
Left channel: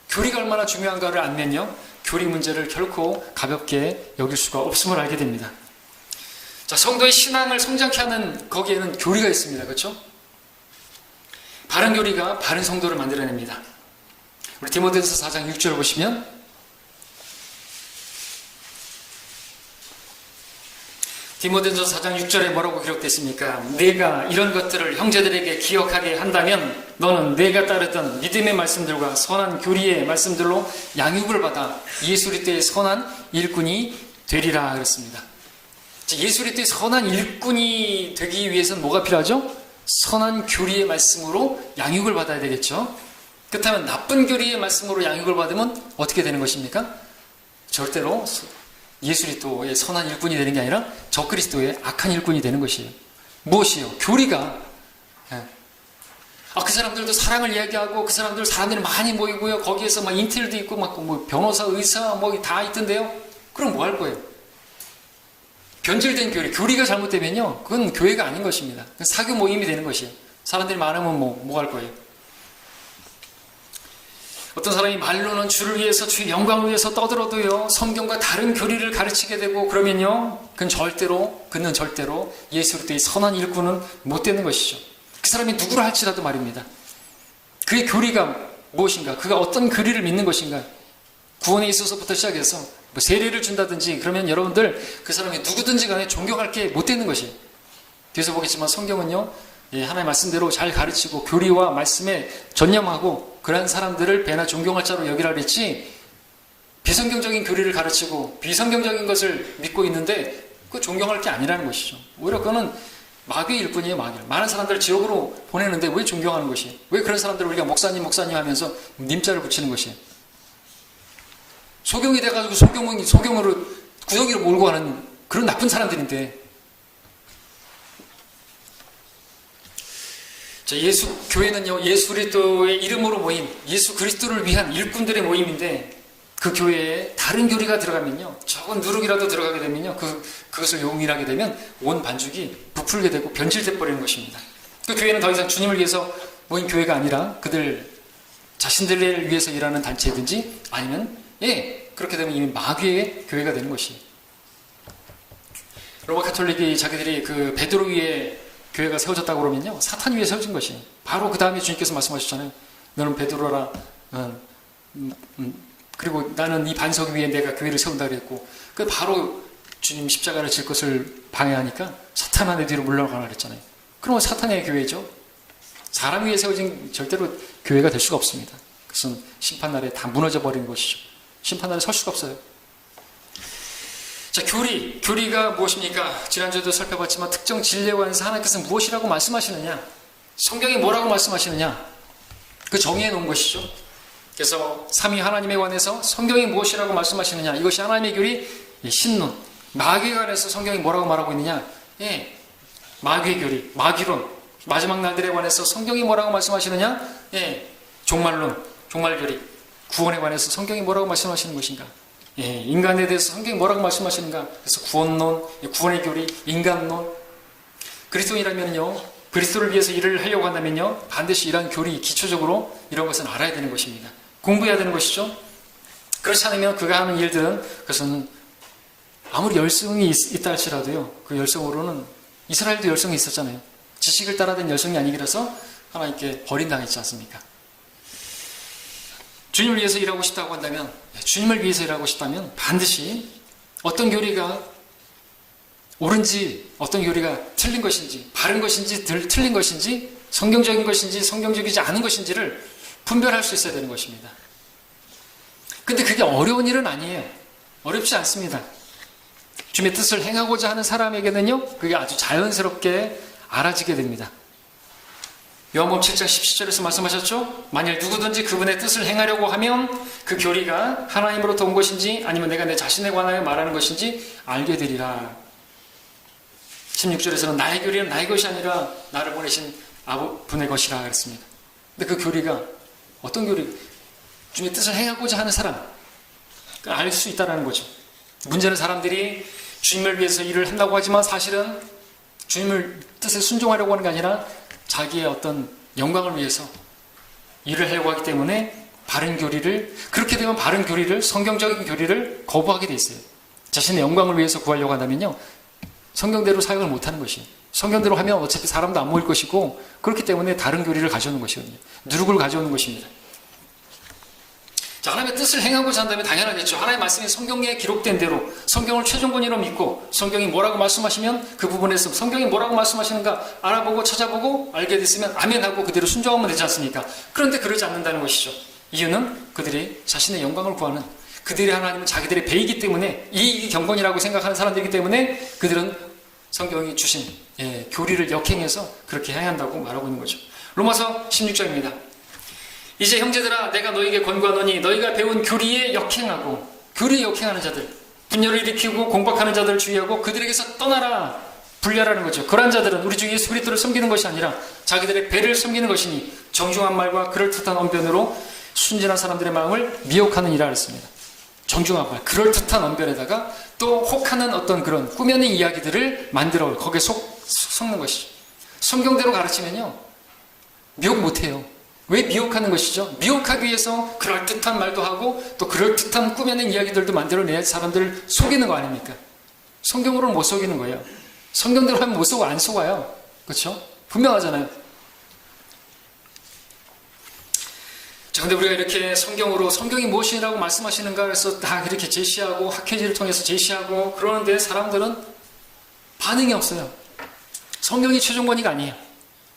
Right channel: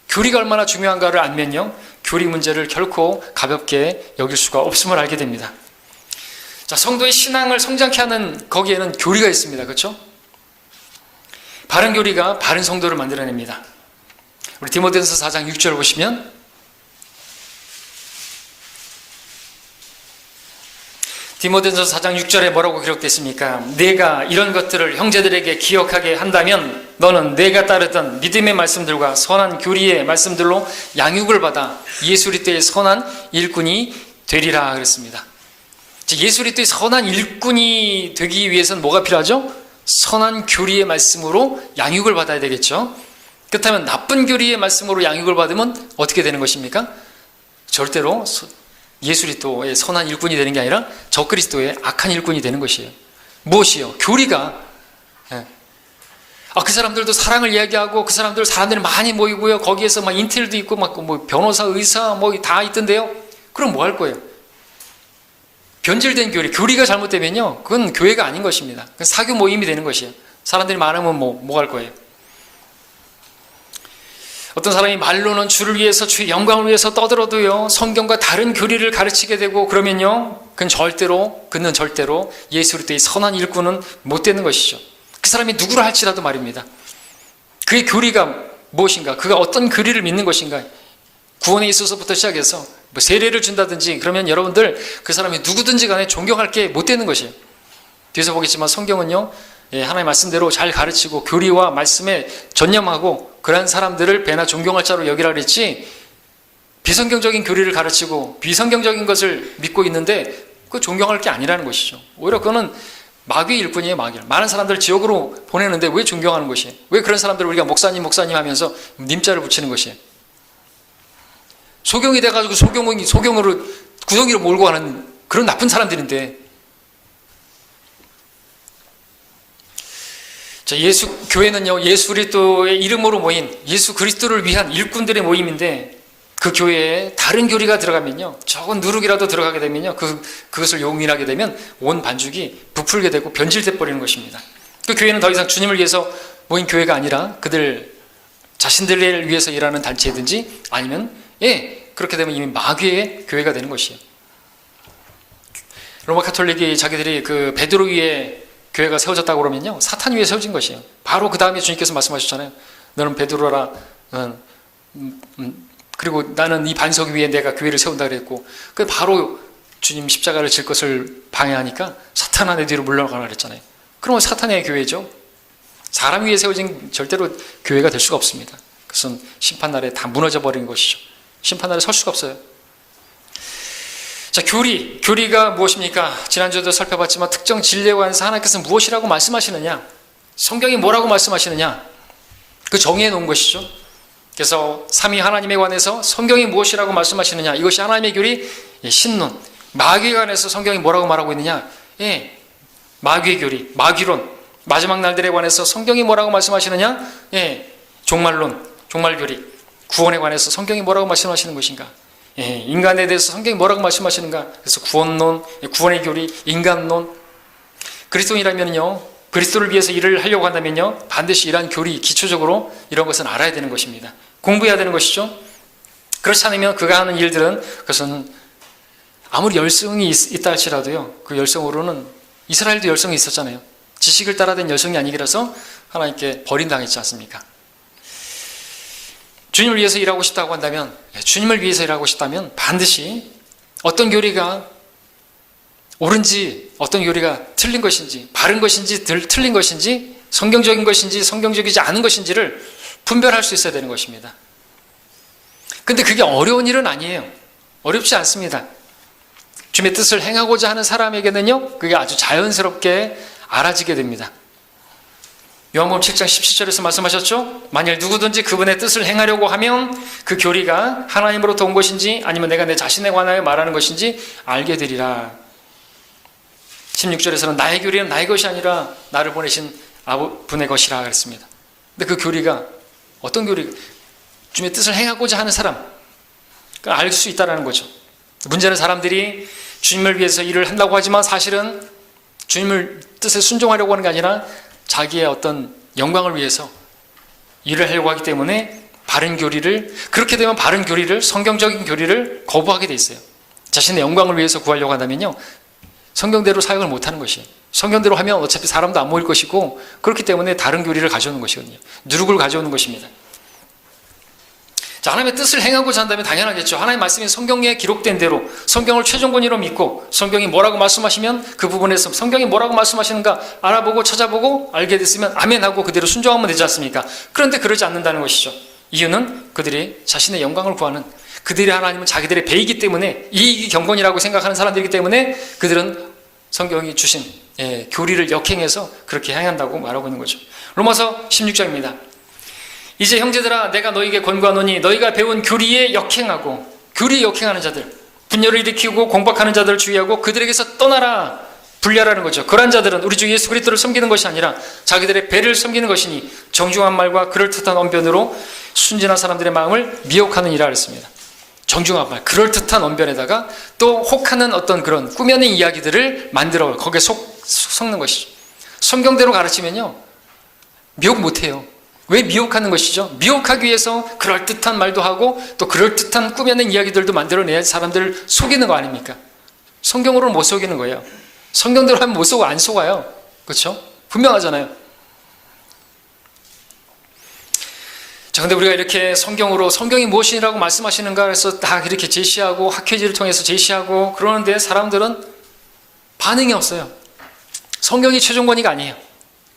교리가 얼마나 중요한가를 알면요, 교리 문제를 결코 가볍게 여길 수가 없음을 알게 됩니다. 자, 성도의 신앙을 성장케 하는 거기에는 교리가 있습니다. 그렇죠? 바른 교리가 바른 성도를 만들어냅니다. 우리 디모데전서 4장 6절 보시면, 디모데전서 4장 6절에 뭐라고 기록됐습니까? 내가 이런 것들을 형제들에게 기억하게 한다면 너는 내가 따르던 믿음의 말씀들과 선한 교리의 말씀들로 양육을 받아 예수 그리스도의 선한 일꾼이 되리라 그랬습니다. 예수 그리스도의 선한 일꾼이 되기 위해서는 뭐가 필요하죠? 선한 교리의 말씀으로 양육을 받아야 되겠죠. 그렇다면 나쁜 교리의 말씀으로 양육을 받으면 어떻게 되는 것입니까? 절대로 예수 그리스도의 선한 일꾼이 되는 게 아니라 적그리스도의 악한 일꾼이 되는 것이에요. 무엇이요? 교리가. 그 사람들도 사랑을 이야기하고 그 사람들이 많이 모이고요. 거기에서 막 인텔도 있고 막 뭐 변호사, 의사 뭐 다 있던데요. 그럼 뭐 할 거예요? 변질된 교리가 잘못되면요, 그건 교회가 아닌 것입니다. 사교 모임이 되는 것이에요. 사람들이 많으면 뭐 할 거예요? 어떤 사람이 말로는 주를 위해서 주의 영광을 위해서 떠들어도요, 성경과 다른 교리를 가르치게 되고 그러면요, 그는 절대로 예수 그리스도의 선한 일꾼은 못 되는 것이죠. 그 사람이 누구라 할지라도 말입니다. 그의 교리가 무엇인가, 그가 어떤 교리를 믿는 것인가, 구원에 있어서부터 시작해서 뭐 세례를 준다든지 그러면 여러분들 그 사람이 누구든지 간에 존경할 게 못 되는 것이에요. 뒤에서 보겠지만 성경은요, 하나님의 말씀대로 잘 가르치고 교리와 말씀에 전념하고 그러한 사람들을 배나 존경할 자로 여기라 그랬지, 비성경적인 교리를 가르치고 비성경적인 것을 믿고 있는데 그 존경할 게 아니라는 것이죠. 오히려 그거는 마귀의 일꾼이에요. 마귀. 많은 사람들을 지옥으로 보내는데 왜 존경하는 것이에요? 왜 그런 사람들을 우리가 목사님 하면서 님자를 붙이는 것이에요? 소경이 돼가지고 소경으로 구덩이로 몰고 가는 그런 나쁜 사람들인데, 자, 교회는요, 예수 그리스도의 이름으로 모인 예수 그리스도를 위한 일꾼들의 모임인데, 그 교회에 다른 교리가 들어가면요, 적은 누룩이라도 들어가게 되면요, 그것을 용인하게 되면 온 반죽이 부풀게 되고 변질돼 버리는 것입니다. 그 교회는 더 이상 주님을 위해서 모인 교회가 아니라 그들 자신들을 위해서 일하는 단체든지 아니면 그렇게 되면 이미 마귀의 교회가 되는 것이에요. 로마 카톨릭이 자기들이 그 베드로 위에 교회가 세워졌다고 그러면요, 사탄 위에 세워진 것이에요. 바로 그 다음에 주님께서 말씀하셨잖아요. 너는 베드로라, 그리고 나는 이 반석 위에 내가 교회를 세운다 그랬고, 그 바로 주님 십자가를 질 것을 방해하니까 사탄아 내 뒤로 물러가라 그랬잖아요. 그러면 사탄의 교회죠. 사람 위에 세워진 절대로 교회가 될 수가 없습니다. 그것은 심판날에 다 무너져 버리는 것이죠. 심판날에 설 수가 없어요. 자, 교리가 무엇입니까? 지난주에도 살펴봤지만 특정 진리에 관해서 하나님께서 무엇이라고 말씀하시느냐, 성경이 뭐라고 말씀하시느냐, 그 정의해 놓은 것이죠. 그래서 삼위 하나님에 관해서 성경이 무엇이라고 말씀하시느냐, 이것이 하나님의 교리, 신론. 마귀에 관해서 성경이 뭐라고 말하고 있느냐, 마귀의 교리, 마귀론. 마지막 날들에 관해서 성경이 뭐라고 말씀하시느냐, 종말론, 종말교리. 구원에 관해서 성경이 뭐라고 말씀하시는 것인가, 인간에 대해서 성경이 뭐라고 말씀하시는가. 그래서 구원론, 구원의 교리, 인간론. 그리스도인이라면요, 그리스도를 위해서 일을 하려고 한다면요, 반드시 이러한 교리, 기초적으로 이런 것은 알아야 되는 것입니다. 공부해야 되는 것이죠. 그렇지 않으면 그가 하는 일들은, 그것은 아무리 열성이 있다 할지라도요, 그 열성으로는, 이스라엘도 열성이 있었잖아요. 지식을 따라된 열성이 아니기라서 하나님께 버림당했지 않습니까? 주님을 위해서 일하고 싶다고 한다면, 주님을 위해서 일하고 싶다면 반드시 어떤 교리가 옳은지, 어떤 교리가 틀린 것인지, 바른 것인지, 틀린 것인지, 성경적인 것인지, 성경적이지 않은 것인지를 분별할 수 있어야 되는 것입니다. 근데 그게 어려운 일은 아니에요. 어렵지 않습니다. 주님의 뜻을 행하고자 하는 사람에게는요, 그게 아주 자연스럽게 알아지게 됩니다. 요한복음 7장 17절에서 말씀하셨죠? 만일 누구든지 그분의 뜻을 행하려고 하면 그 교리가 하나님으로부터 온 것인지 아니면 내가 내 자신에 관하여 말하는 것인지 알게 되리라. 16절에서는 나의 교리는 나의 것이 아니라 나를 보내신 분의 것이라 그랬습니다. 근데 그 교리가 어떤 교리? 주님의 뜻을 행하고자 하는 사람, 알 수 있다는 거죠. 문제는 사람들이 주님을 위해서 일을 한다고 하지만 사실은 주님을 뜻에 순종하려고 하는 게 아니라 자기의 어떤 영광을 위해서 일을 하려고 하기 때문에 바른 교리를, 그렇게 되면 바른 교리를, 성경적인 교리를 거부하게 돼 있어요. 자신의 영광을 위해서 구하려고 하다면요, 성경대로 사역을 못하는 것이에요. 성경대로 하면 어차피 사람도 안 모일 것이고, 그렇기 때문에 다른 교리를 가져오는 것이거든요. 누룩을 가져오는 것입니다. 자, 하나님의 뜻을 행하고자 한다면 당연하겠죠. 하나님의 말씀이 성경에 기록된 대로 성경을 최종 권위로 믿고 성경이 뭐라고 말씀하시면 그 부분에서 성경이 뭐라고 말씀하시는가 알아보고 찾아보고 알게 됐으면 아멘하고 그대로 순종하면 되지 않습니까? 그런데 그러지 않는다는 것이죠. 이유는 그들이 자신의 영광을 구하는, 그들이 하나님은 자기들의 배이기 때문에, 이익이 경건이라고 생각하는 사람들이기 때문에 그들은 성경이 주신 교리를 역행해서 그렇게 행한다고 말하고 있는 거죠. 로마서 16장입니다. 이제 형제들아, 내가 너희에게 권고하노니 너희가 배운 교리에 역행하고, 교리에 역행하는 자들, 분열을 일으키고 공박하는 자들을 주의하고 그들에게서 떠나라, 분리하라는 거죠. 그러한 자들은 우리 주 예수 그리스도를 섬기는 것이 아니라 자기들의 배를 섬기는 것이니 정중한 말과 그럴듯한 언변으로 순진한 사람들의 마음을 미혹하느니라 했습니다. 정중한 말, 그럴듯한 언변에다가 또 혹하는 어떤 그런 꾸며낸 이야기들을 만들어 거기에 속는 것이죠. 성경대로 가르치면요, 미혹 못해요. 왜 미혹하는 것이죠? 미혹하기 위해서 그럴듯한 말도 하고 또 그럴듯한 꾸며낸 이야기들도 만들어내야 사람들을 속이는 거 아닙니까? 성경으로는 못 속이는 거예요. 성경대로 하면 못 속아, 안 속아요. 그렇죠? 분명하잖아요. 자, 근데 우리가 이렇게 성경으로 성경이 무엇이라고 말씀하시는가 해서 다 이렇게 제시하고 학회지를 통해서 제시하고 그러는데 사람들은 반응이 없어요. 성경이 최종 권위가 아니에요.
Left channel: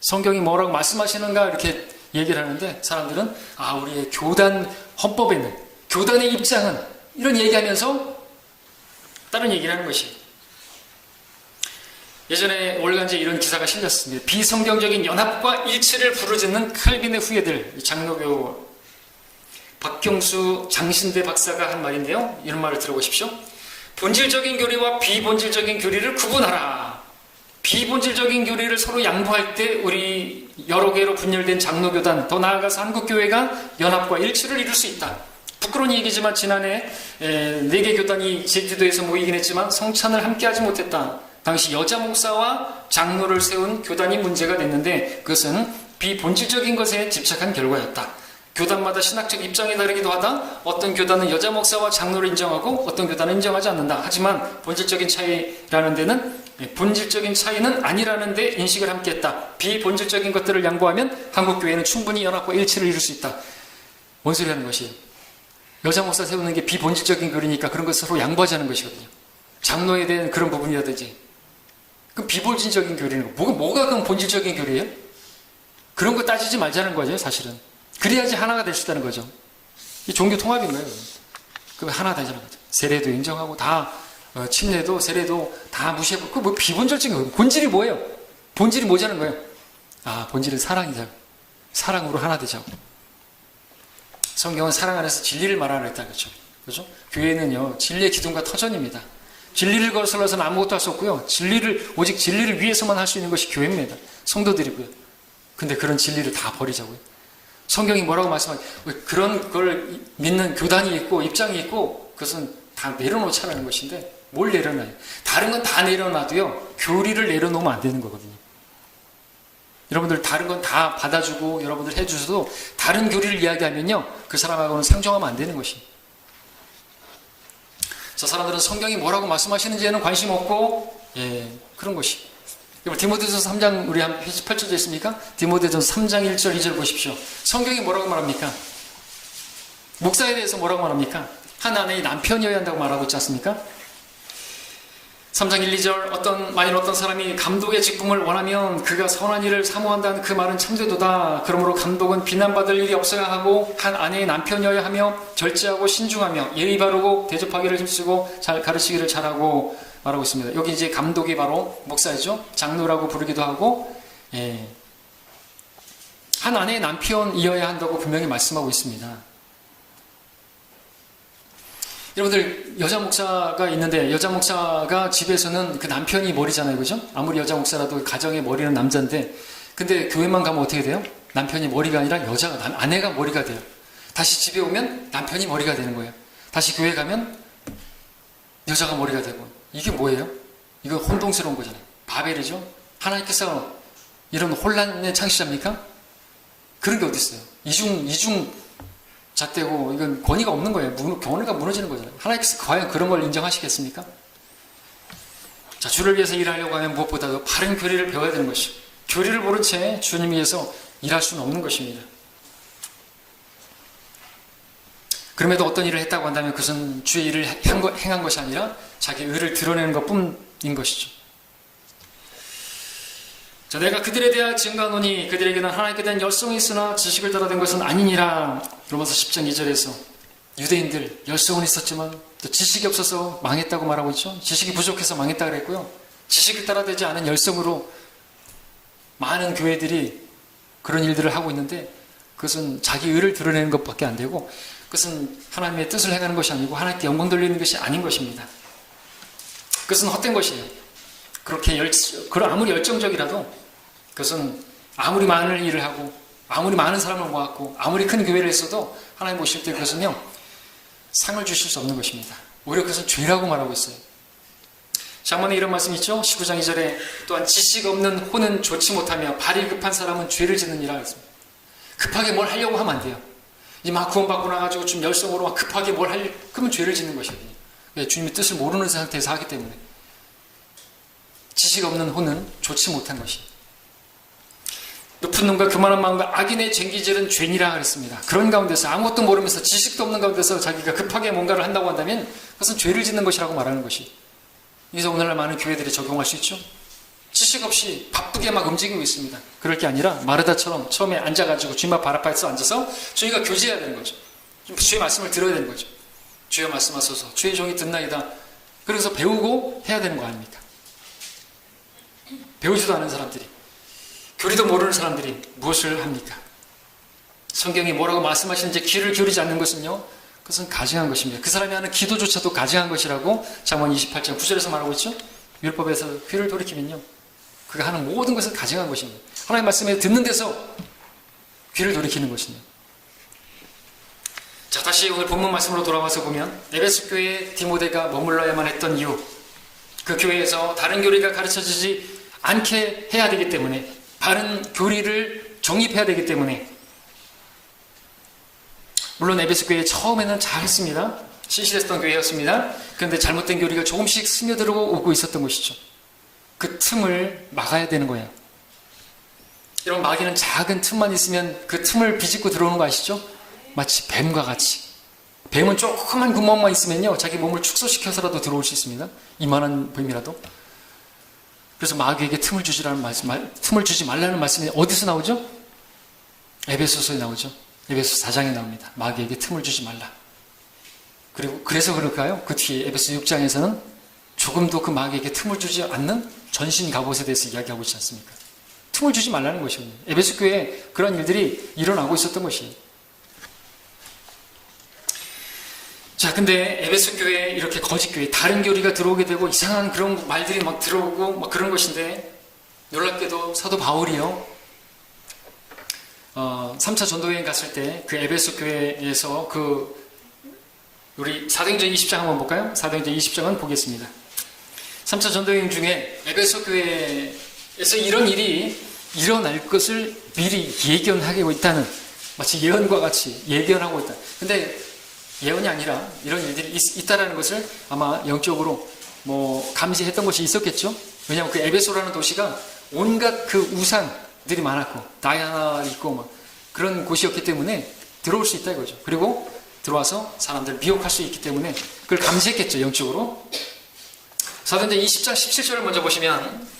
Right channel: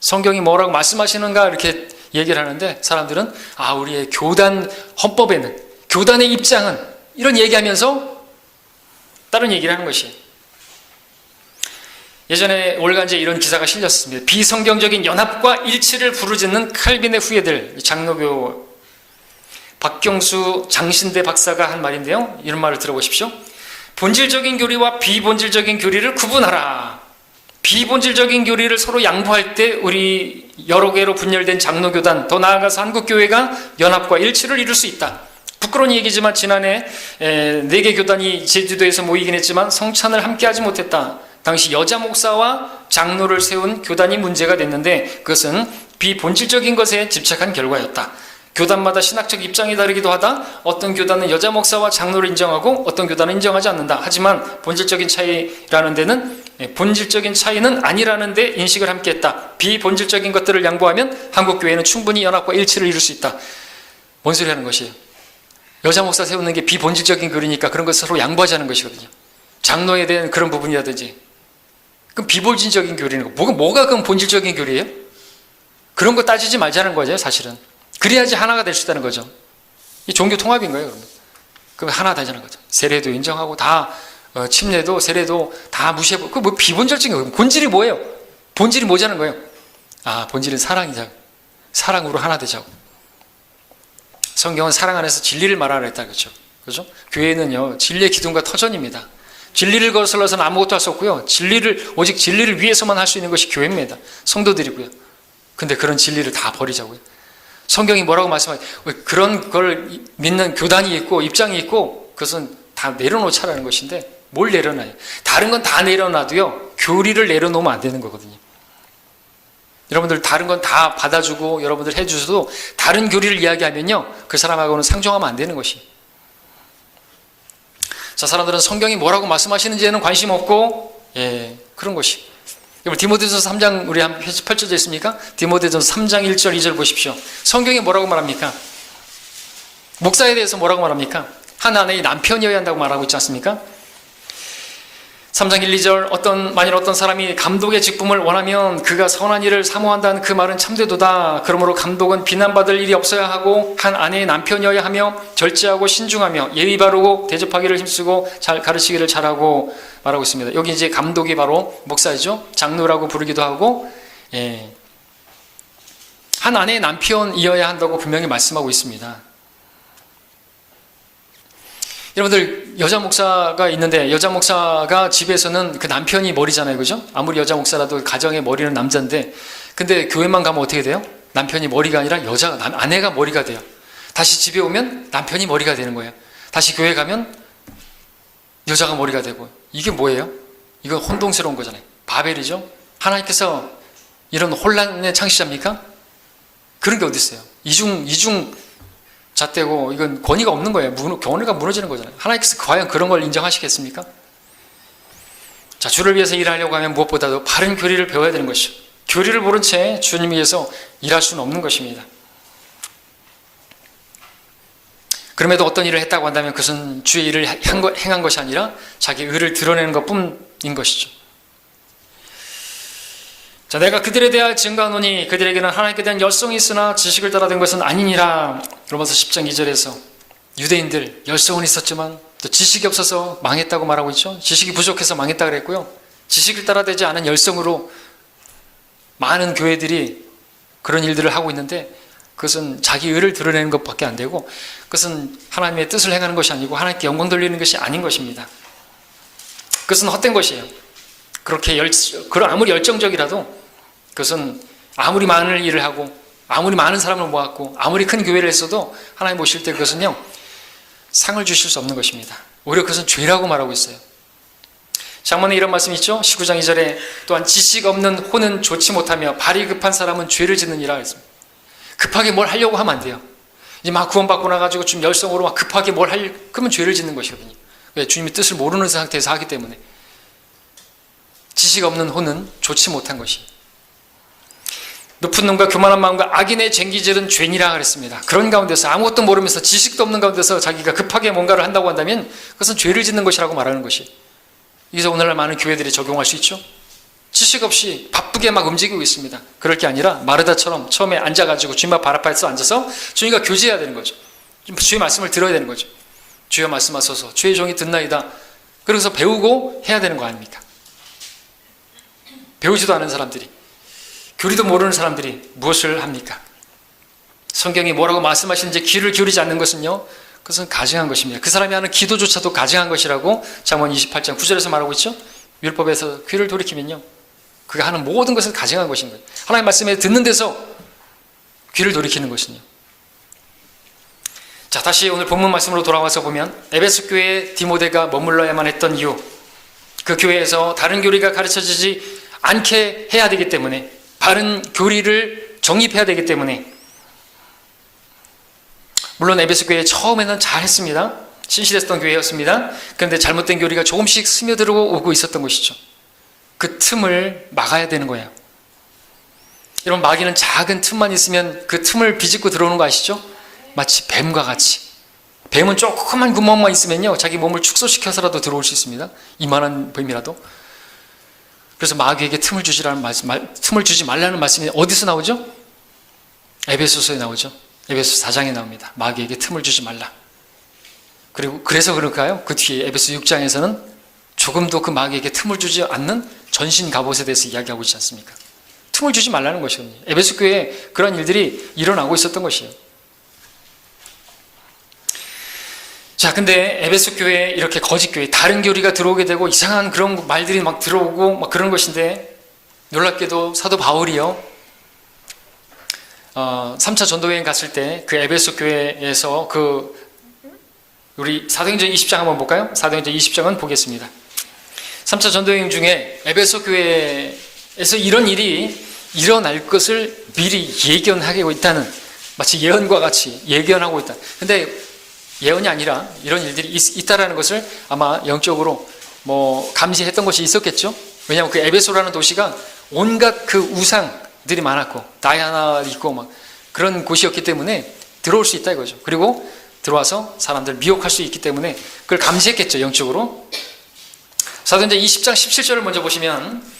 성경이 뭐라고 말씀하시는가 이렇게 얘기를 하는데 사람들은 우리의 교단 헌법에는, 교단의 입장은, 이런 얘기하면서 다른 얘기를 하는 것이. 예전에 올간지에 이런 기사가 실렸습니다. 비성경적인 연합과 일치를 부르짖는 칼빈의 후예들, 장로교 박경수 장신대 박사가 한 말인데요, 이런 말을 들어보십시오. 본질적인 교리와 비본질적인 교리를 구분하라. 비본질적인 교리를 서로 양보할 때 우리 여러 개로 분열된 장로교단, 더 나아가서 한국교회가 연합과 일치를 이룰 수 있다. 부끄러운 얘기지만 지난해 4개 교단이 제주도에서 모이긴 했지만 성찬을 함께 하지 못했다. 당시 여자 목사와 장로를 세운 교단이 문제가 됐는데 그것은 비본질적인 것에 집착한 결과였다. 교단마다 신학적 입장이 다르기도 하다. 어떤 교단은 여자 목사와 장로를 인정하고 어떤 교단은 인정하지 않는다. 하지만 본질적인 차이라는 데는, 본질적인 차이는 아니라는 데 인식을 함께 했다. 비본질적인 것들을 양보하면 한국교회는 충분히 연합과 일치를 이룰 수 있다. 뭔 소리 하는 것이에요? 여자 목사 세우는 게 비본질적인 교리니까 그런 것을 서로 양보하지 않는 것이거든요. 장로에 대한 그런 부분이라든지. 그럼 비본질적인 교리는 뭐가 그럼 본질적인 교리예요? 그런 거 따지지 말자는 거죠, 사실은. 그래야지 하나가 될 수 있다는 거죠. 이 종교 통합인 거예요. 그럼 하나 되자는 거죠. 세례도 인정하고 다 침례도 세례도 다 무시해보고, 그 뭐 비본질적인 거예요. 본질이 뭐예요? 본질이 뭐자는 거예요? 본질은 사랑이자. 사랑으로 하나 되자고. 성경은 사랑 안에서 진리를 말하라 했다 그렇죠? 그죠? 교회는요 진리의 기둥과 터전입니다. 진리를 거슬러서는 아무것도 할 수 없고요. 오직 진리를 위해서만 할 수 있는 것이 교회입니다. 성도들이고요. 근데 그런 진리를 다 버리자고요. 성경이 뭐라고 말씀하죠? 그런 걸 믿는 교단이 있고 입장이 있고 그것은 다 내려놓자라는 것인데 뭘 내려놔요? 다른 건 다 내려놔도요 교리를 내려놓으면 안 되는 거거든요. 여러분들 다른 건 다 받아주고 여러분들 해주셔도 다른 교리를 이야기하면요 그 사람하고는 상종하면 안 되는 것이에요. 자, 사람들은 성경이 뭐라고 말씀하시는지에는 관심 없고 그런 것이. 여러분 디모데전서 3장 우리 한 펼쳐져 있습니까? 디모데전서 3장 1절 2절 보십시오. 성경이 뭐라고 말합니까? 목사에 대해서 뭐라고 말합니까? 한 아내의 남편이어야 한다고 말하고 있지 않습니까? 3장 1, 2절 만일 어떤 사람이 감독의 직분을 원하면 그가 선한 일을 사모한다는 그 말은 참되도다. 그러므로 감독은 비난받을 일이 없어야 하고 한 아내의 남편이어야 하며 절제하고 신중하며 예의 바르고 대접하기를 힘쓰고 잘 가르치기를 잘하고 말하고 있습니다. 여기 이제 감독이 바로 목사이죠. 장로라고 부르기도 하고 한 아내의 남편이어야 한다고 분명히 말씀하고 있습니다. 여러분들 여자 목사가 있는데 여자 목사가 집에서는 그 남편이 머리잖아요. 그죠? 아무리 여자 목사라도 가정의 머리는 남자인데 근데 교회만 가면 어떻게 돼요? 남편이 머리가 아니라 아내가 머리가 돼요. 다시 집에 오면 남편이 머리가 되는 거예요. 다시 교회 가면 여자가 머리가 되고 이게 뭐예요? 이건 혼동스러운 거잖아요. 바벨이죠? 하나님께서 이런 혼란의 창시자입니까? 그런 게 어디 있어요? 이중 잣대고 이건 권위가 없는 거예요. 권위가 무너지는 거잖아요. 하나님께서 과연 그런 걸 인정하시겠습니까? 자, 주를 위해서 일하려고 하면 무엇보다도 바른 교리를 배워야 되는 것이죠. 교리를 모른 채 주님 위해서 일할 수는 없는 것입니다. 그럼에도 어떤 일을 했다고 한다면 그것은 주의 일을 행한 것이 아니라 자기 의를 드러내는 것뿐인 것이죠. 자, 내가 그들에 대하여 증거하노니 그들에게는 하나님께 대한 열성이 있으나 지식을 따라 된 것은 아니니라. 로마서 10장 2절에서 유대인들 열성은 있었지만 또 지식이 없어서 망했다고 말하고 있죠. 지식이 부족해서 망했다 그랬고요. 지식을 따라 되지 않은 열성으로 많은 교회들이 그런 일들을 하고 있는데 그것은 자기 의를 드러내는 것밖에 안 되고 그것은 하나님의 뜻을 행하는 것이 아니고 하나님께 영광 돌리는 것이 아닌 것입니다. 그것은 헛된 것이에요. 그렇게 아무리 열정적이라도 그것은 아무리 많은 일을 하고 아무리 많은 사람을 모았고 아무리 큰 교회를 했어도 하나님 보실 때 그것은요 상을 주실 수 없는 것입니다. 오히려 그것은 죄라고 말하고 있어요. 장문에 이런 말씀이 있죠. 19장 2절에 또한 지식 없는 혼은 좋지 못하며 발이 급한 사람은 죄를 짓느니라 했습니다. 급하게 뭘 하려고 하면 안 돼요. 이제 막 구원받고 나가지고 좀 열성으로 막 급하게 그러면 죄를 짓는 것이거든요. 왜? 주님의 뜻을 모르는 상태에서 하기 때문에. 지식 없는 혼은 좋지 못한 것이. 높은 놈과 교만한 마음과 악인의 쟁기질은 죄니라 그랬습니다. 그런 가운데서 아무것도 모르면서 지식도 없는 가운데서 자기가 급하게 뭔가를 한다고 한다면 그것은 죄를 짓는 것이라고 말하는 것이. 그래서 오늘날 많은 교회들이 적용할 수 있죠. 지식 없이 바쁘게 막 움직이고 있습니다. 그럴 게 아니라 마르다처럼 처음에 앉아가지고 주님 앞 발 앞에서 앉아서 주님과 교제해야 되는 거죠. 주의 말씀을 들어야 되는 거죠. 주여 말씀하소서 주의 종이 듣나이다. 그래서 배우고 해야 되는 거 아닙니까? 배우지도 않은 사람들이 교리도 모르는 사람들이 무엇을 합니까? 성경이 뭐라고 말씀하시는지 귀를 기울이지 않는 것은요 그것은 가증한 것입니다. 그 사람이 하는 기도조차도 가증한 것이라고 잠언 28장 9절에서 말하고 있죠. 율법에서 귀를 돌이키면요 그가 하는 모든 것은 가증한 것입니다. 하나님 말씀에 듣는 데서 귀를 돌이키는 것은요. 자, 다시 오늘 본문 말씀으로 돌아와서 보면 에베소 교회에 디모데가 머물러야만 했던 이유, 그 교회에서 다른 교리가 가르쳐지지 않게 해야 되기 때문에 바른 교리를 정립해야 되기 때문에 물론 에베소 교회 처음에는 잘했습니다. 신실했던 교회였습니다. 그런데 잘못된 교리가 조금씩 스며들고 있었던 것이죠. 그 틈을 막아야 되는 거예요. 여러분 마귀는 작은 틈만 있으면 그 틈을 비집고 들어오는 거 아시죠? 마치 뱀과 같이. 뱀은 조그만 구멍만 있으면요 자기 몸을 축소시켜서라도 들어올 수 있습니다. 이만한 뱀이라도. 그래서 마귀에게 틈을 주지 말라는 말씀이 어디서 나오죠? 에베소서에 나오죠. 에베소 4장에 나옵니다. 마귀에게 틈을 주지 말라. 그리고 그래서 그럴까요? 그 뒤에 에베소 6장에서는 조금도 그 마귀에게 틈을 주지 않는 전신 갑옷에 대해서 이야기하고 있지 않습니까? 틈을 주지 말라는 것이거든요. 에베소 교회에 그런 일들이 일어나고 있었던 것이에요. 자, 근데 에베소 교회에 이렇게 거짓 교회, 다른 교리가 들어오게 되고 이상한 그런 말들이 막 들어오고 막 그런 것인데, 놀랍게도 사도 바울이요, 3차 전도여행 갔을 때 그 에베소 교회에서 우리 사도행전 20장 한번 볼까요? 사도행전 20장은 보겠습니다. 3차 전도여행 중에 에베소 교회에서 이런 일이 일어날 것을 미리 예견하고 있다는, 마치 예언과 같이 예견하고 있다. 근데 예언이 아니라 이런 일들이 있다라는 것을 아마 영적으로 감시했던 것이 있었겠죠. 왜냐하면 그 에베소라는 도시가 온갖 그 우상들이 많았고 다이아나 있고 막 그런 곳이었기 때문에 들어올 수 있다 이거죠. 그리고 들어와서 사람들 미혹할 수 있기 때문에 그걸 감시했겠죠, 영적으로. 사도행전 20장 17절을 먼저 보시면,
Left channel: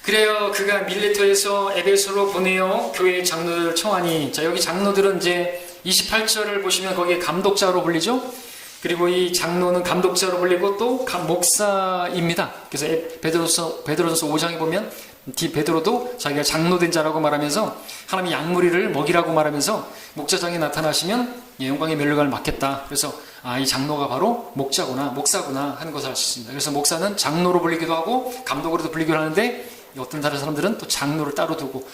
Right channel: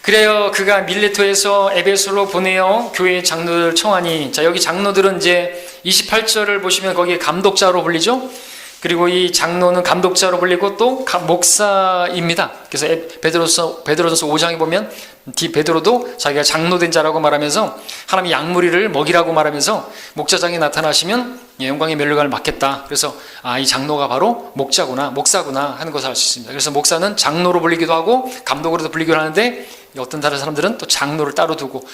그래요 그가 밀레토에서 에베소로 보내어 교회의 장로들을 청하니, 자, 여기 장로들은 이제 28절을 보시면 거기에 감독자로 불리죠. 그리고 이 장로는 감독자로 불리고 또 목사입니다. 그래서 베드로전서 5장에 보면 베드로도 자기가 장로된 자라고 말하면서 하나님이 양무리를 먹이라고 말하면서 목자장에 나타나시면 영광의 멸류관을 맡겠다. 그래서 이 장로가 바로 목사구나 하는 것을 알 수 있습니다. 그래서 목사는 장로로 불리기도 하고 감독으로도 불리기도 하는데, 어떤 다른 사람들은 또 장로를 따로 두고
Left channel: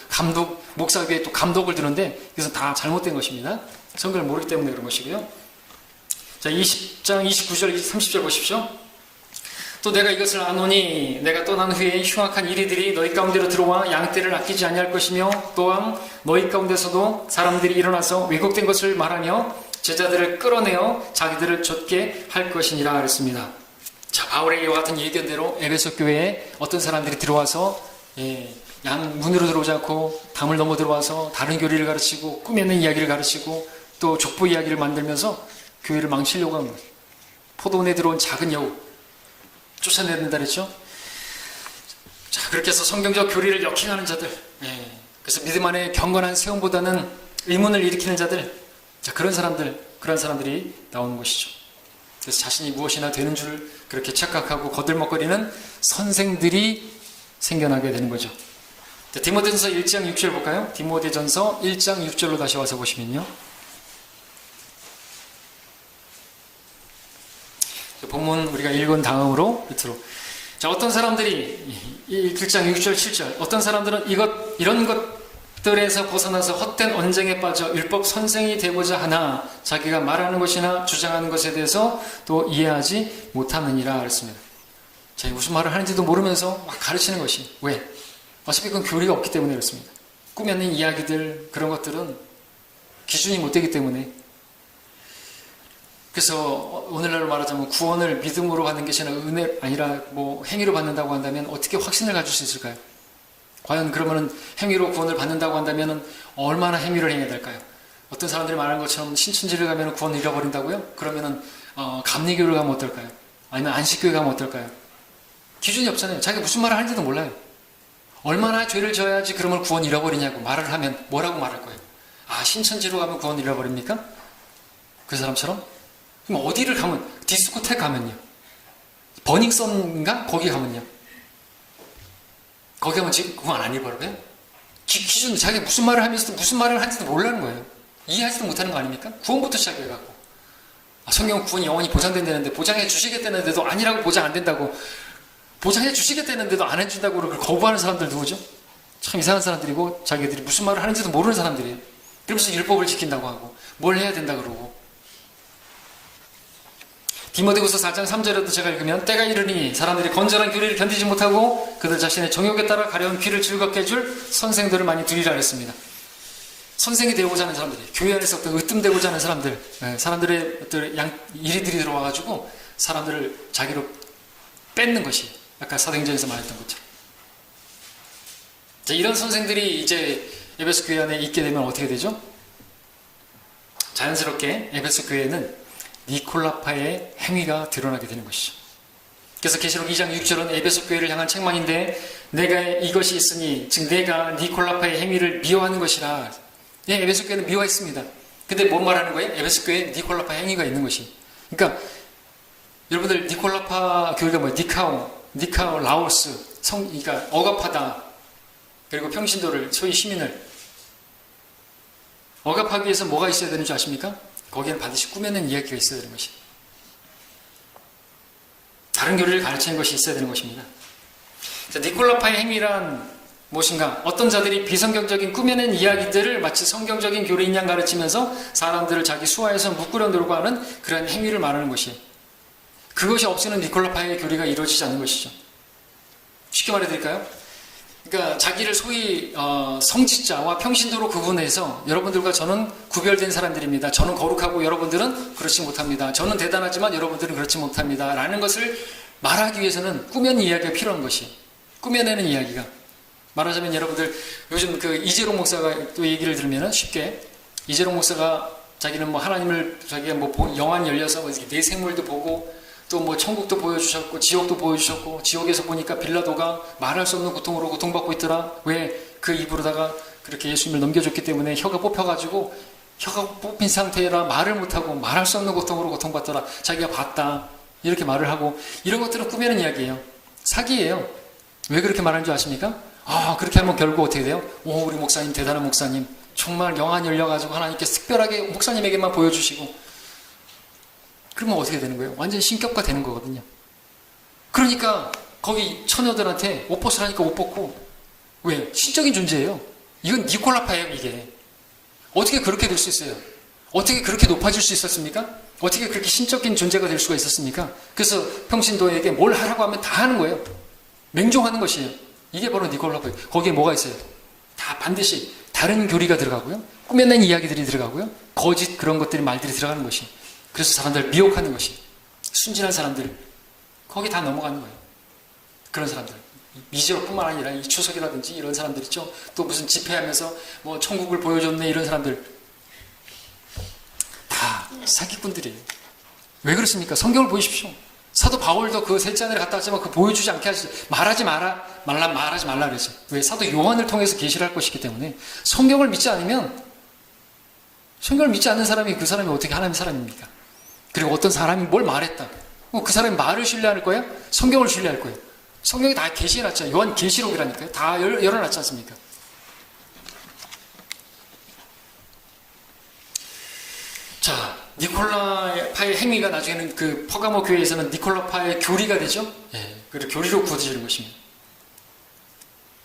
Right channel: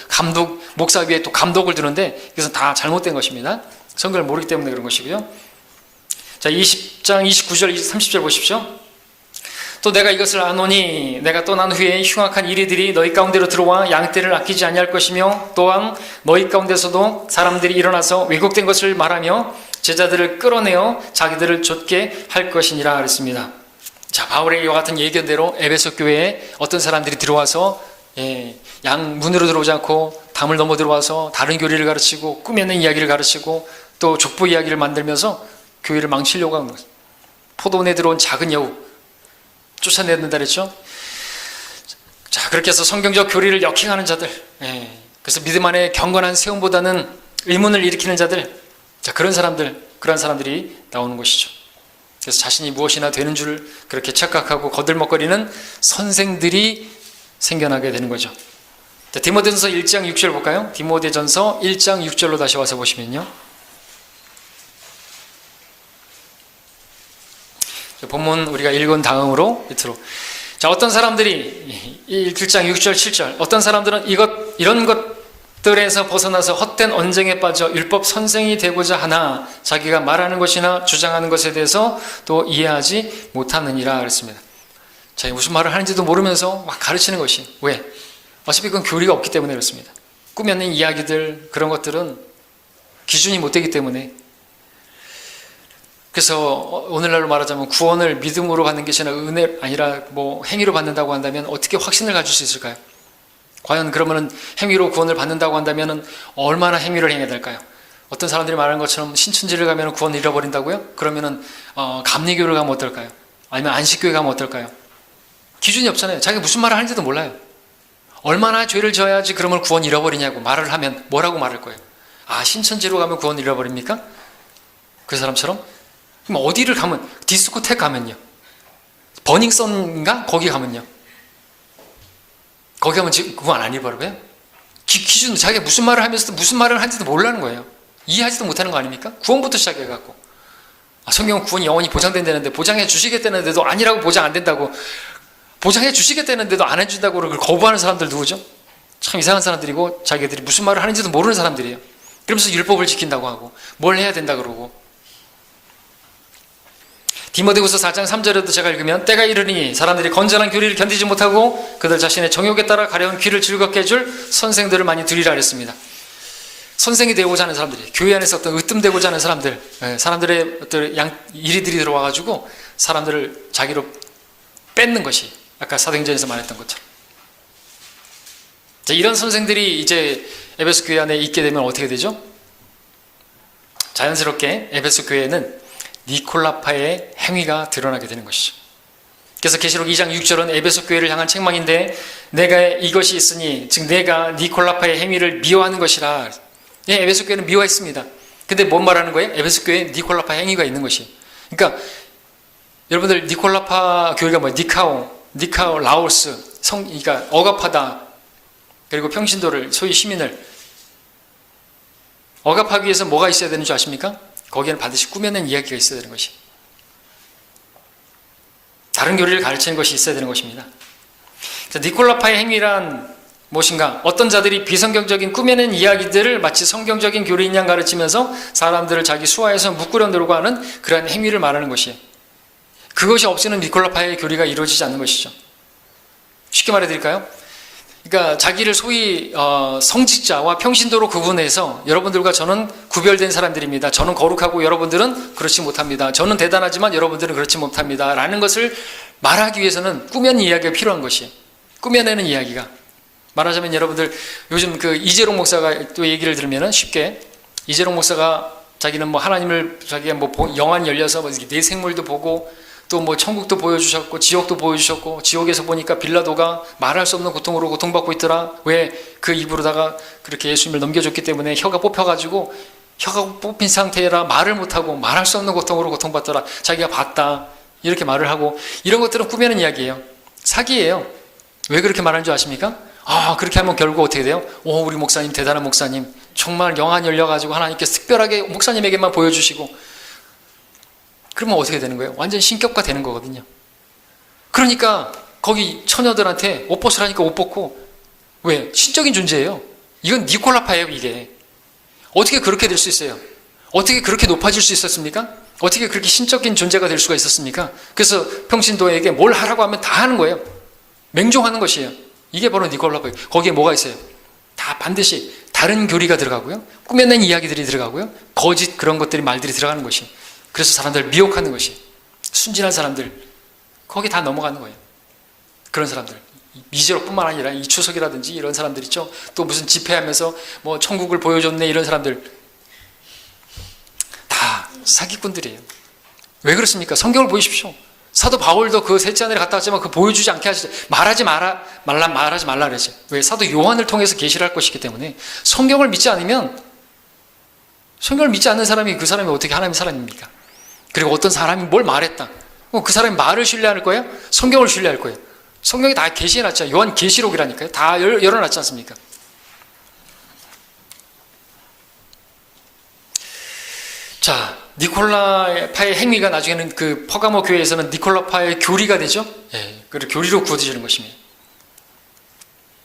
목사 위에 또 감독을 두는데, 그래서 다 잘못된 것입니다. 성경을 모르기 때문에 그런 것이고요. 자, 20장 29절 30절 보십시오. 또 내가 이것을 아노니 내가 떠난 후에 흉악한 이리들이 너희 가운데로 들어와 양떼를 아끼지 아니할 것이며, 또한 너희 가운데서도 사람들이 일어나서 왜곡된 것을 말하며 제자들을 끌어내어 자기들을 좇게 할 것이니라 그랬습니다. 자, 바울의 이와 같은 예견대로 에베소 교회에 어떤 사람들이 들어와서 양 문으로 들어오지 않고 담을 넘어 들어와서 다른 교리를 가르치고 꾸며낸 이야기를 가르치고 또 족보 이야기를 만들면서 교회를 망치려고 하는 거예요. 포도원에 들어온 작은 여우 쫓아내는다 그랬죠. 자, 그렇게 해서 성경적 교리를 역행하는 자들, 그래서 믿음 안에 경건한 세움보다는 의문을 일으키는 자들, 자, 그런 사람들이 나오는 것이죠. 그래서 자신이 무엇이나 되는 줄 그렇게 착각하고 거들먹거리는 선생들이 생겨나게 되는 거죠. 자, 디모데전서 1장 6절 볼까요? 디모데전서 1장 6절로 다시 와서 보시면요, 본문 우리가 읽은 다음으로 밑으로, 자, 어떤 사람들이 1장 6절 7절, 어떤 사람들은 이런 것들에서 벗어나서 헛된 언쟁에 빠져 율법 선생이 되고자 하나 자기가 말하는 것이나 주장하는 것에 대해서 또 이해하지 못하느니라 그랬습니다. 자, 무슨 말을 하는지도 모르면서 막 가르치는 것이, 왜? 어차피 그건 교리가 없기 때문에 그렇습니다. 꾸며낸 이야기들, 그런 것들은 기준이 못 되기 때문에. 그래서 오늘날로 말하자면 구원을 믿음으로 받는 것이 아니라 행위로 받는다고 한다면 어떻게 확신을 가질 수 있을까요? 과연 그러면은 행위로 구원을 받는다고 한다면 얼마나 행위를 행해야 될까요? 어떤 사람들이 말하는 것처럼 신천지를 가면 구원을 잃어버린다고요? 그러면은 감리교를 가면 어떨까요? 아니면 안식교회 가면 어떨까요? 기준이 없잖아요. 자기가 무슨 말을 하는지도 몰라요. 얼마나 죄를 져야지 그러면 구원 잃어버리냐고 말을 하면 뭐라고 말할 거예요? 신천지로 가면 구원 잃어버립니까? 그 사람처럼? 그럼 어디를 가면, 디스코텍 가면요, 버닝썬인가? 거기 가면요, 거기 가면 지금 구원 안 잃어버려요? 기준, 자기가 무슨 말을 하면서도 무슨 말을 하는지도 모르는 거예요. 이해하지도 못하는 거 아닙니까? 구원부터 시작해갖고, 성경은 구원이 영원히 보장된다는데, 보장해 주시겠다는데도 아니라고 보장 안 된다고, 보장해 주시겠다는데도 안 해준다고 그걸 거부하는 사람들 누구죠? 참 이상한 사람들이고, 자기들이 무슨 말을 하는지도 모르는 사람들이에요. 그러면서 율법을 지킨다고 하고 뭘 해야 된다 그러고. 디모데후서 4장 3절에도 제가 읽으면, 때가 이르니 사람들이 건전한 교리를 견디지 못하고 그들 자신의 정욕에 따라 가려운 귀를 즐겁게 해줄 선생들을 많이 두리라 그랬습니다. 선생이 되고자 하는 사람들이, 교회 안에서 어떤 으뜸되고자 하는 사람들의 어떤 이리들이 들어와가지고 사람들을 자기로 뺏는 것이 아까 사도행전에서 말했던 것처럼. 자, 이런 선생들이 이제 에베소 교회 안에 있게 되면 어떻게 되죠? 자연스럽게 에베소 교회는 니콜라파의 행위가 드러나게 되는 것이죠. 그래서 계시록 2장 6절은 에베소 교회를 향한 책망인데, 내가 이것이 있으니 즉 내가 니콜라파의 행위를 미워하는 것이라. 에베소 교회는 미워했습니다. 근데 뭔 말하는 거예요? 에베소 교회에 니콜라파 행위가 있는 것이. 그러니까 여러분들, 니콜라파 교회가 뭐예요? 니카오 라오스 그러니까 억압하다, 그리고 평신도를, 소위 시민을 억압하기 위해서 뭐가 있어야 되는 줄 아십니까? 거기에는 반드시 꾸며낸 이야기가 있어야 되는 것이. 다른 교리를 가르치는 것이 있어야 되는 것입니다. 니콜라파의 행위란 무엇인가? 어떤 자들이 비성경적인 꾸며낸 이야기들을 마치 성경적인 교리인 양 가르치면서 사람들을 자기 수하에서 묶으려고 하는 그러한 행위를 말하는 것이에요. 그것이 없이는 니콜라파의 교리가 이루어지지 않는 것이죠. 쉽게 말해드릴까요? 그러니까 자기를 소위 성직자와 평신도로 구분해서 여러분들과 저는 구별된 사람들입니다. 저는 거룩하고 여러분들은 그렇지 못합니다. 저는 대단하지만 여러분들은 그렇지 못합니다. 라는 것을 말하기 위해서는 꾸며낸 이야기가 필요한 것이에요. 꾸며내는 이야기가. 말하자면 여러분들 요즘 그 이재롱 목사가 또 얘기를 들으면 쉽게 이재롱 목사가 자기는 뭐 하나님을 자기가 뭐 영안 열려서 뭐 내 생물도 보고 또 뭐 천국도 보여주셨고 지옥도 보여주셨고 지옥에서 보니까 빌라도가 말할 수 없는 고통으로 고통받고 있더라. 왜? 그 입으로다가 그렇게 예수님을 넘겨줬기 때문에 혀가 뽑혀가지고 혀가 뽑힌 상태라 말을 못하고 말할 수 없는 고통으로 고통받더라. 자기가 봤다. 이렇게 말을 하고 이런 것들은 꾸며낸 이야기예요. 사기예요. 왜 그렇게 말하는 줄 아십니까? 그렇게 하면 결국 어떻게 돼요? 우리 목사님 대단한 목사님 정말 영안 열려가지고 하나님께서 특별하게 목사님에게만 보여주시고 그러면 어떻게 되는 거예요? 완전 신격화 되는 거거든요. 그러니까 거기 처녀들한테 옷 벗으라니까 옷 벗고 왜? 신적인 존재예요. 이건 니콜라파예요. 이게 어떻게 그렇게 될 수 있어요? 어떻게 그렇게 높아질 수 있었습니까? 어떻게 그렇게 신적인 존재가 될 수가 있었습니까? 그래서 평신도에게 뭘 하라고 하면 다 하는 거예요. 맹종하는 것이에요. 이게 바로 니콜라파예요. 거기에 뭐가 있어요? 다 반드시 다른 교리가 들어가고요. 꾸며낸 이야기들이 들어가고요. 거짓 그런 것들이 말들이 들어가는 것이에요. 그래서 사람들을 미혹하는 것이 순진한 사람들 거기 다 넘어가는 거예요. 그런 사람들 미제로뿐만 아니라 이추석이라든지 이런 사람들 있죠. 또 무슨 집회하면서 뭐 천국을 보여줬네 이런 사람들 다 사기꾼들이에요. 왜 그렇습니까? 성경을 보십시오. 사도 바울도 그 셋째 하늘에 갔다 왔지만 그 보여주지 않게 하시죠. 말하지 말라 그랬죠. 왜? 사도 요한을 통해서 계시를 할 것이기 때문에 성경을 믿지 않으면 성경을 믿지 않는 사람이 그 사람이 어떻게 하나님의 사람입니까? 그리고 어떤 사람이 뭘 말했다. 그 사람이 말을 신뢰할 거예요? 성경을 신뢰할 거예요? 성경이 다 계시해놨죠. 요한 계시록이라니까요. 다 열어놨지 않습니까? 자, 니콜라파의 행위가 나중에는 그 퍼가모 교회에서는 니콜라파의 교리가 되죠. 그리고 교리로 구어지는 것입니다.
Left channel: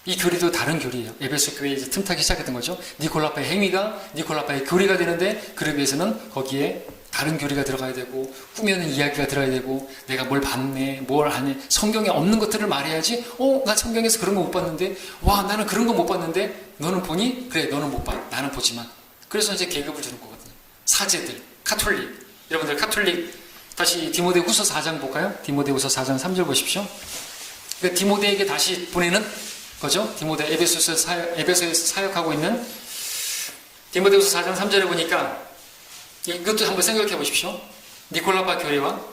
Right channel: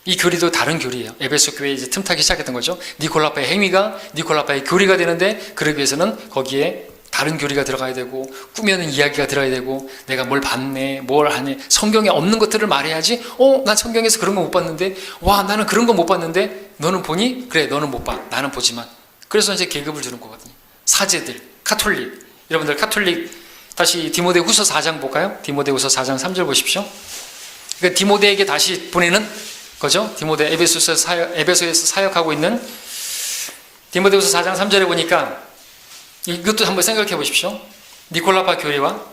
이 교리도 다른 교리예요. 에베소 교회에 이제 틈타기 시작했던 거죠. 니콜라파의 행위가 니콜라파의 교리가 되는데 그러기 위해서는 거기에 다른 교리가 들어가야 되고 꾸며낸 이야기가 들어가야 되고 내가 뭘 봤네 뭘 하네 성경에 없는 것들을 말해야지. 난 성경에서 그런 거 못 봤는데 와 나는 그런 거 못 봤는데 너는 보니? 그래 너는 못 봐. 나는 보지만. 그래서 이제 계급을 주는 거거든요. 사제들, 카톨릭. 여러분들 카톨릭 다시 디모데후서 4장 볼까요? 디모데후서 4장 3절 보십시오. 그러니까 디모데에게 다시 보내는 거죠. 디모데 에베소에서 사역하고 있는 디모데후서 4장 3절에 보니까 이것도 한번 생각해 보십시오. 니콜라파 교리와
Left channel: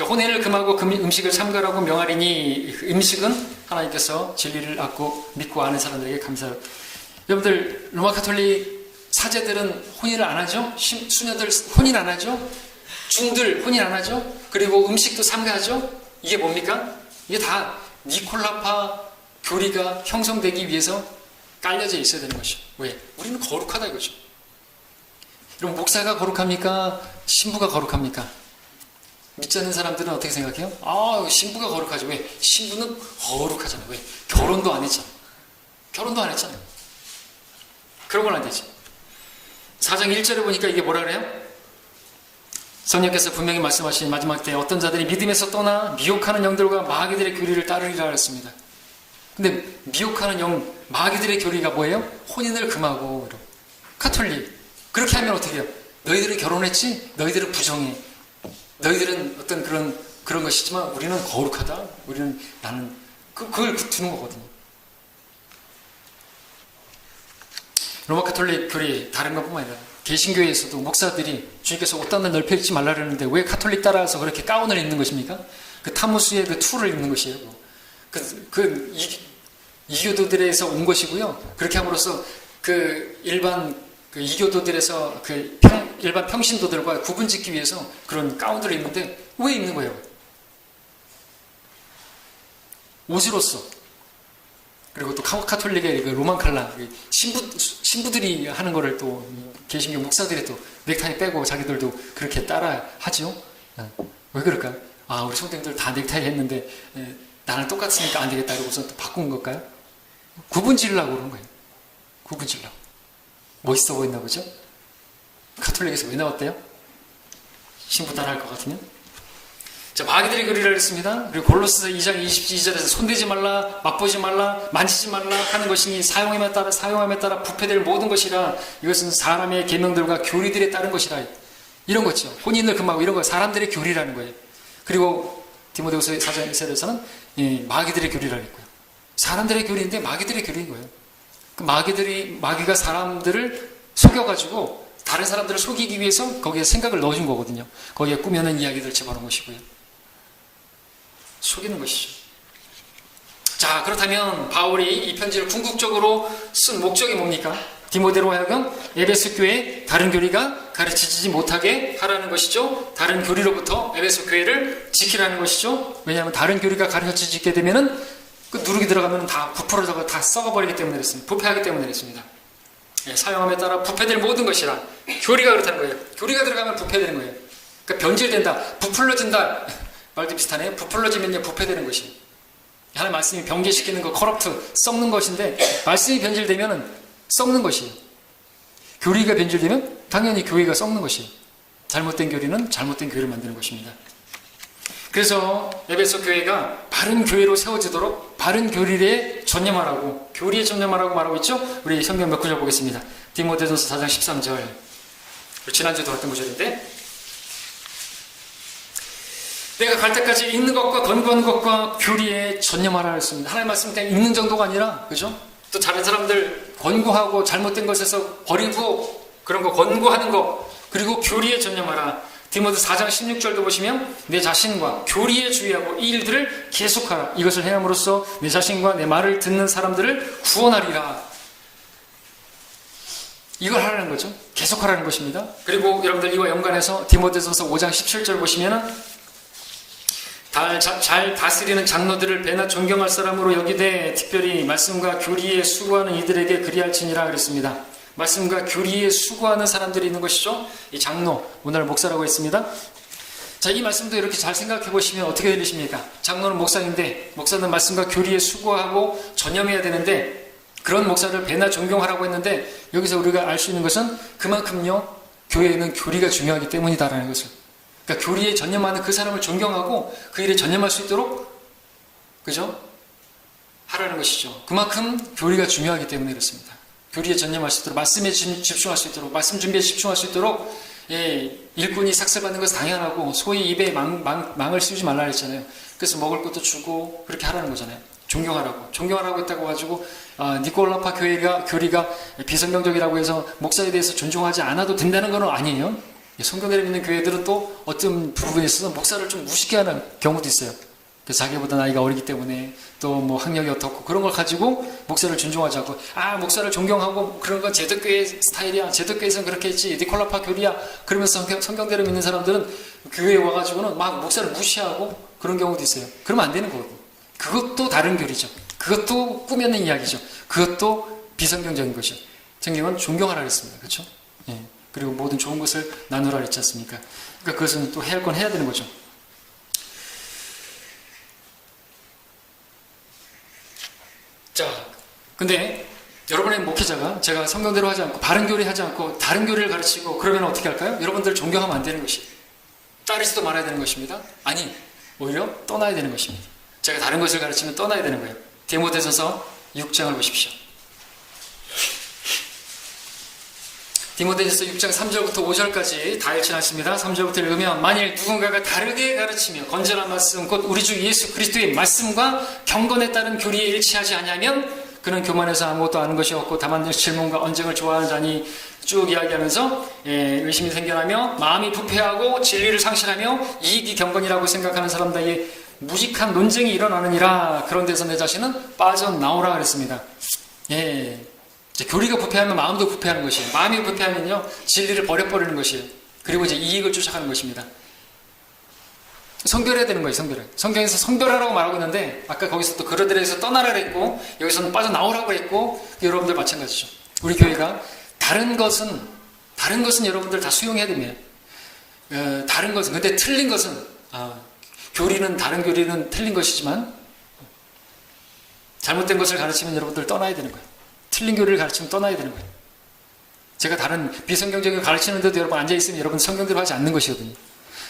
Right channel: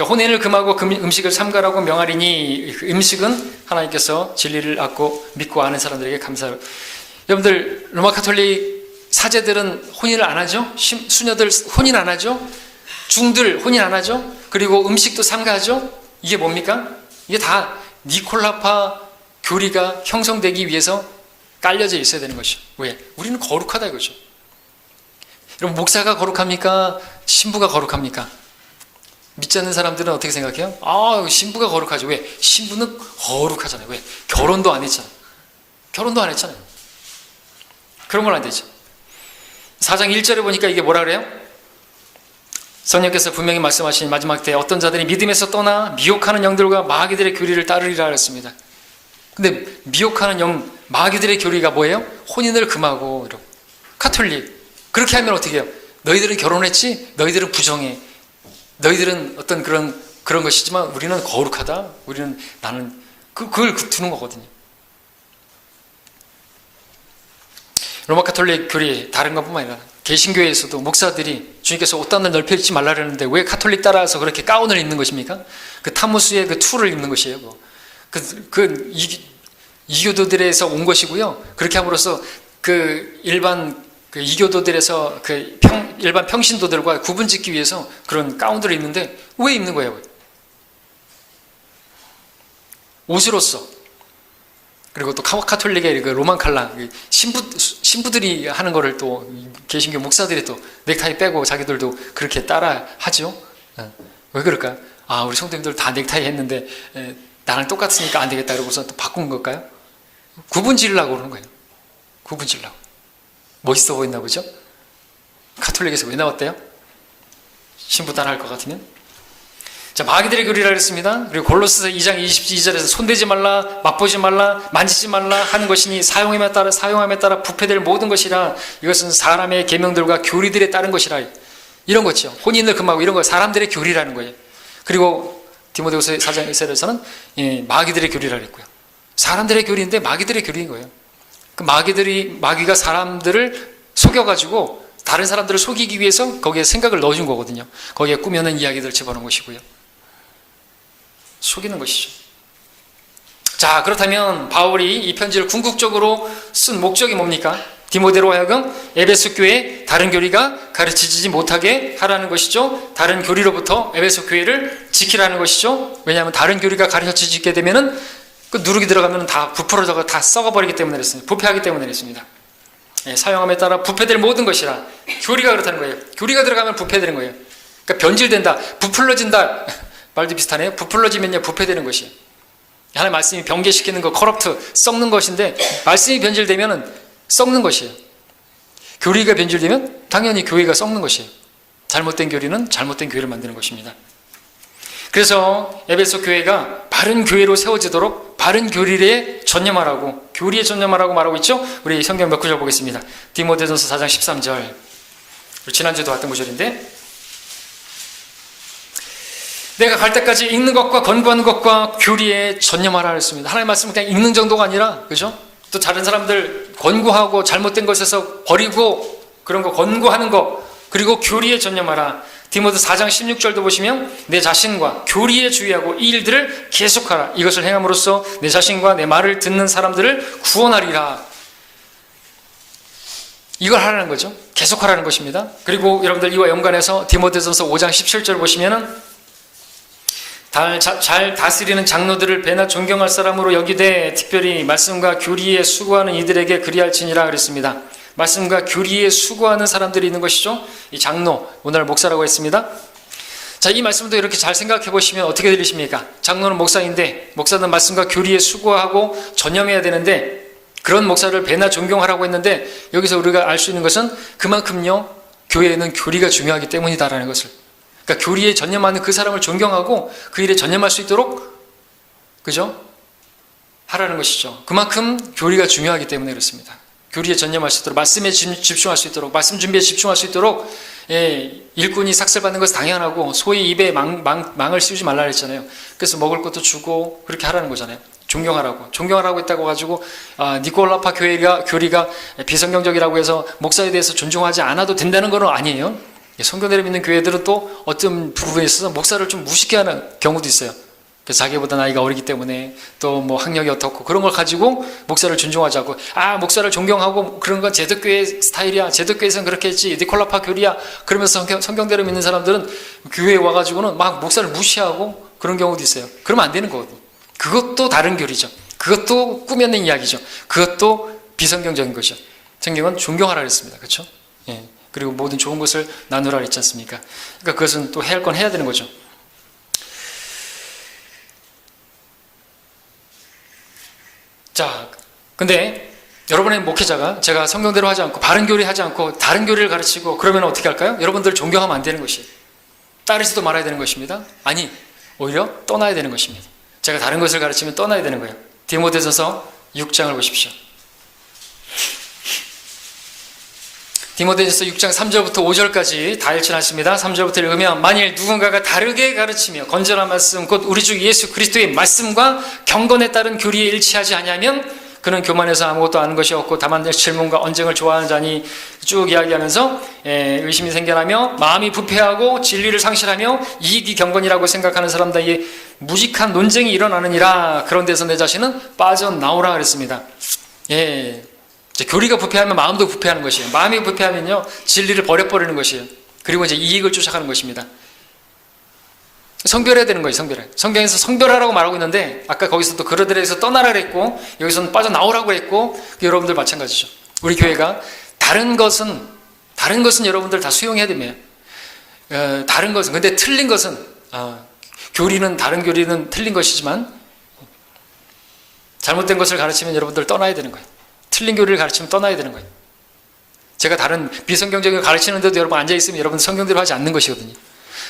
혼인을 금하고 음식을 삼가라고 명하리니 그 음식은 하나님께서 진리를 믿고 아는 사람들에게 감사하라. 여러분들 로마 카톨릭 사제들은 혼인을 안 하죠. 수녀들 혼인 안 하죠. 중들 혼인 안 하죠. 그리고 음식도 삼가하죠. 이게 뭡니까? 이게 다 니콜라파 교리가 형성되기 위해서 깔려져 있어야 되는 것이죠. 왜? 우리는 거룩하다 이거죠. 여러분 목사가 거룩합니까? 신부가 거룩합니까? 믿지 않는 사람들은 어떻게 생각해요? 신부가 거룩하죠. 왜? 신부는 거룩하잖아요. 왜? 결혼도 안 했잖아요. 결혼도 안 했잖아요. 그런 건 안 되죠. 4장 1절에 보니까 이게 뭐라 그래요? 성령께서 분명히 말씀하신 마지막 때에 어떤 자들이 믿음에서 떠나 미혹하는 영들과 마귀들의 교리를 따르리라 그랬습니다. 근데 미혹하는 영, 마귀들의 교리가 뭐예요? 혼인을 금하고 카톨릭. 그렇게 하면 어떻게 해요? 너희들은 결혼했지? 너희들은 부정해. 너희들은 어떤 그런 것이지만 우리는 거룩하다. 나는 그걸 두는 거거든요. 로마 카톨릭 교리 다른 것뿐만 아니라 개신교에서도 목사들이 주님께서 옷단을 넓혀 입지 말라 그랬는데 왜 카톨릭 따라서 그렇게 가운을 입는 것입니까? 그 타무스의 그 툴을 입는 것이에요. 이교도들에서 온 것이고요. 그렇게 함으로써 그 일반 이교도들에서 일반 평신도들과 구분짓기 위해서 그런 가운들을 입는데 왜 입는 거예요? 옷으로서. 그리고 또 카톨릭의 그 로만 칼라 신부들이 하는 거를 또 개신교 목사들이 또 넥타이 빼고 자기들도 그렇게 따라 하죠. 왜 그럴까요? 우리 성도님들 다 넥타이 했는데 나랑 똑같으니까 안 되겠다 이러고서 또 바꾼 걸까요? 구분 지으려고 그러는 거예요. 구분 지으려고. 멋있어 보인다 그죠? 가톨릭에서 왜 나왔대요? 신부 따라 할 것 같으면. 자, 마귀들의 교리라 그랬습니다. 그리고 골로새서 2장 22절에서 손대지 말라, 맛보지 말라, 만지지 말라 하는 것이니 사용함에 따라 부패될 모든 것이라. 이것은 사람의 계명들과 교리들에 따른 것이라. 이런 거죠. 혼인을 금하고 이런 거 사람들의 교리라는 거예요. 그리고 디모데후서 4장 1절에서는 마귀들의 교리라 그랬고요. 사람들의 교리인데 마귀들의 교리인 거예요. 그 마귀가 사람들을 속여가지고 다른 사람들을 속이기 위해서 거기에 생각을 넣어준 거거든요. 거기에 꾸며낸 이야기들을 집어넣은 것이고요. 속이는 것이죠. 자, 그렇다면 바울이 이 편지를 궁극적으로 쓴 목적이 뭡니까? 디모데로 하여금 에베소 교회에 다른 교리가 가르치지 못하게 하라는 것이죠. 다른 교리로부터 에베소 교회를 지키라는 것이죠. 왜냐하면 다른 교리가 가르쳐지게 되면은 그 누룩이 들어가면 다 부풀어져서 다 썩어버리기 때문에 그랬습니다. 부패하기 때문에 그랬습니다. 사용함에 따라 부패될 모든 것이라. 교리가 그렇다는 거예요. 교리가 들어가면 부패되는 거예요. 그러니까 변질된다, 부풀러진다. 말도 비슷하네요. 부풀러지면요 부패되는 것이에요. 하나님 말씀이 변개시키는 거, 커럽트, 썩는 것인데 말씀이 변질되면 썩는 것이에요. 교리가 변질되면 당연히 교회가 썩는 것이에요. 잘못된 교리는 잘못된 교회를 만드는 것입니다. 그래서 에베소 교회가 바른 교회로 세워지도록 바른 교리에 전념하라고, 교리에 전념하라고 말하고 있죠. 우리 성경 몇 구절 보겠습니다. 디모데전서 4장 13절. 지난주에도 왔던 구절인데, 내가 갈 때까지 읽는 것과 권고하는 것과 교리에 전념하라 했습니다. 하나님 말씀은 그냥 읽는 정도가 아니라, 그죠? 또 다른 사람들 권고하고 잘못된 것에서 버리고 그런 거 권고하는 거, 그리고 교리에 전념하라. 디모데 4장 16절도 보시면 내 자신과 교리에 주의하고 이 일들을 계속하라. 이것을 행함으로써 내 자신과 내 말을 듣는 사람들을 구원하리라. 이걸 하라는 거죠. 계속하라는 것입니다. 그리고 여러분들 이와 연관해서 디모데전서 5장 17절 보시면은 잘 다스리는 장로들을 배나 존경할 사람으로 여기되 특별히 말씀과 교리에 수고하는 이들에게 그리할지니라 그랬습니다. 말씀과 교리에 수고하는 사람들이 있는 것이죠. 이 장로, 오늘 목사라고 했습니다. 자, 이 말씀도 이렇게 잘 생각해 보시면 어떻게 들리십니까? 장로는 목사인데 목사는 말씀과 교리에 수고하고 전념해야 되는데 그런 목사를 배나 존경하라고 했는데 여기서 우리가 알 수 있는 것은 그만큼요 교회에는 교리가 중요하기 때문이다라는 것을, 그러니까 교리에 전념하는 그 사람을 존경하고 그 일에 전념할 수 있도록, 그죠? 하라는 것이죠. 그만큼 교리가 중요하기 때문에 그렇습니다. 교리에 전념할 수 있도록, 말씀에 집중할 수 있도록, 말씀 준비에 집중할 수 있도록. 일꾼이 삭슬받는 것은 당연하고 소위 입에 망을 씌우지 말라 그랬잖아요. 그래서 먹을 것도 주고 그렇게 하라는 거잖아요. 존경하라고 했다고 가지고 니콜라파 교리가 비성경적이라고 해서 목사에 대해서 존중하지 않아도 된다는 건 아니에요. 성교대를 믿는 교회들은 또 어떤 부분에 있어서 목사를 좀 무식해 하는 경우도 있어요. 자기보다 나이가 어리기 때문에 또 뭐 학력이 어떻고 그런 걸 가지고 목사를 존중하지 않고, 목사를 존경하고 그런 건 제독교회 스타일이야, 제독교회에서는 그렇게 했지, 니콜라파 교리야, 그러면서 성경대로 믿는 사람들은 교회에 와가지고는 막 목사를 무시하고 그런 경우도 있어요. 그러면 안 되는 거거든요. 그것도 다른 교리죠. 그것도 꾸며낸 이야기죠. 그것도 비성경적인 것이죠. 성경은 존경하라 그랬습니다. 그렇죠? 그리고 모든 좋은 것을 나누라 그랬지 않습니까? 그러니까 그것은 또 해야 할 건 해야 되는 거죠. 자, 근데 여러분의 목회자가 제가 성경대로 하지 않고 바른 교리 하지 않고 다른 교리를 가르치고 그러면 어떻게 할까요? 여러분들 존경하면 안 되는 것이, 따르지도 말아야 되는 것입니다. 아니, 오히려 떠나야 되는 것입니다. 제가 다른 것을 가르치면 떠나야 되는 거예요. 디모데전서 6장을 보십시오. 디모데전서 6장 3절부터 5절까지 다 읽지 않습니다. 3절부터 읽으면 만일 누군가가 다르게 가르치며 건전한 말씀 곧 우리 주 예수 그리스도의 말씀과 경건에 따른 교리에 일치하지 아니하면 그는 교만해서 아무것도 아는 것이 없고 다만 질문과 언쟁을 좋아하는 자니, 쭉 이야기하면서 의심이 생겨나며 마음이 부패하고 진리를 상실하며 이익이 경건이라고 생각하는 사람들의 무직한 논쟁이 일어나느니라. 그런 데서 내 자신은 빠져나오라 그랬습니다. 교리가 부패하면 마음도 부패하는 것이에요. 마음이 부패하면요 진리를 버려버리는 것이에요. 그리고 이제 이익을 쫓아가는 것입니다. 성별해야 되는 거예요. 성경에서 성별하라고 말하고 있는데 아까 거기서 또 그러들에서 떠나라 그랬고 여기서는 빠져나오라고 했고, 여러분들 마찬가지죠. 우리 교회가 다른 것은 여러분들 다 수용해야 됩니다. 다른 것은, 근데 틀린 것은 다른 교리는 틀린 것이지만 잘못된 것을 가르치면 여러분들 떠나야 되는 거예요. 틀린 교리를 가르치면 떠나야 되는 거예요. 제가 다른 비성경적인 걸 가르치는데도 여러분 앉아있으면 여러분 성경대로 하지 않는 것이거든요.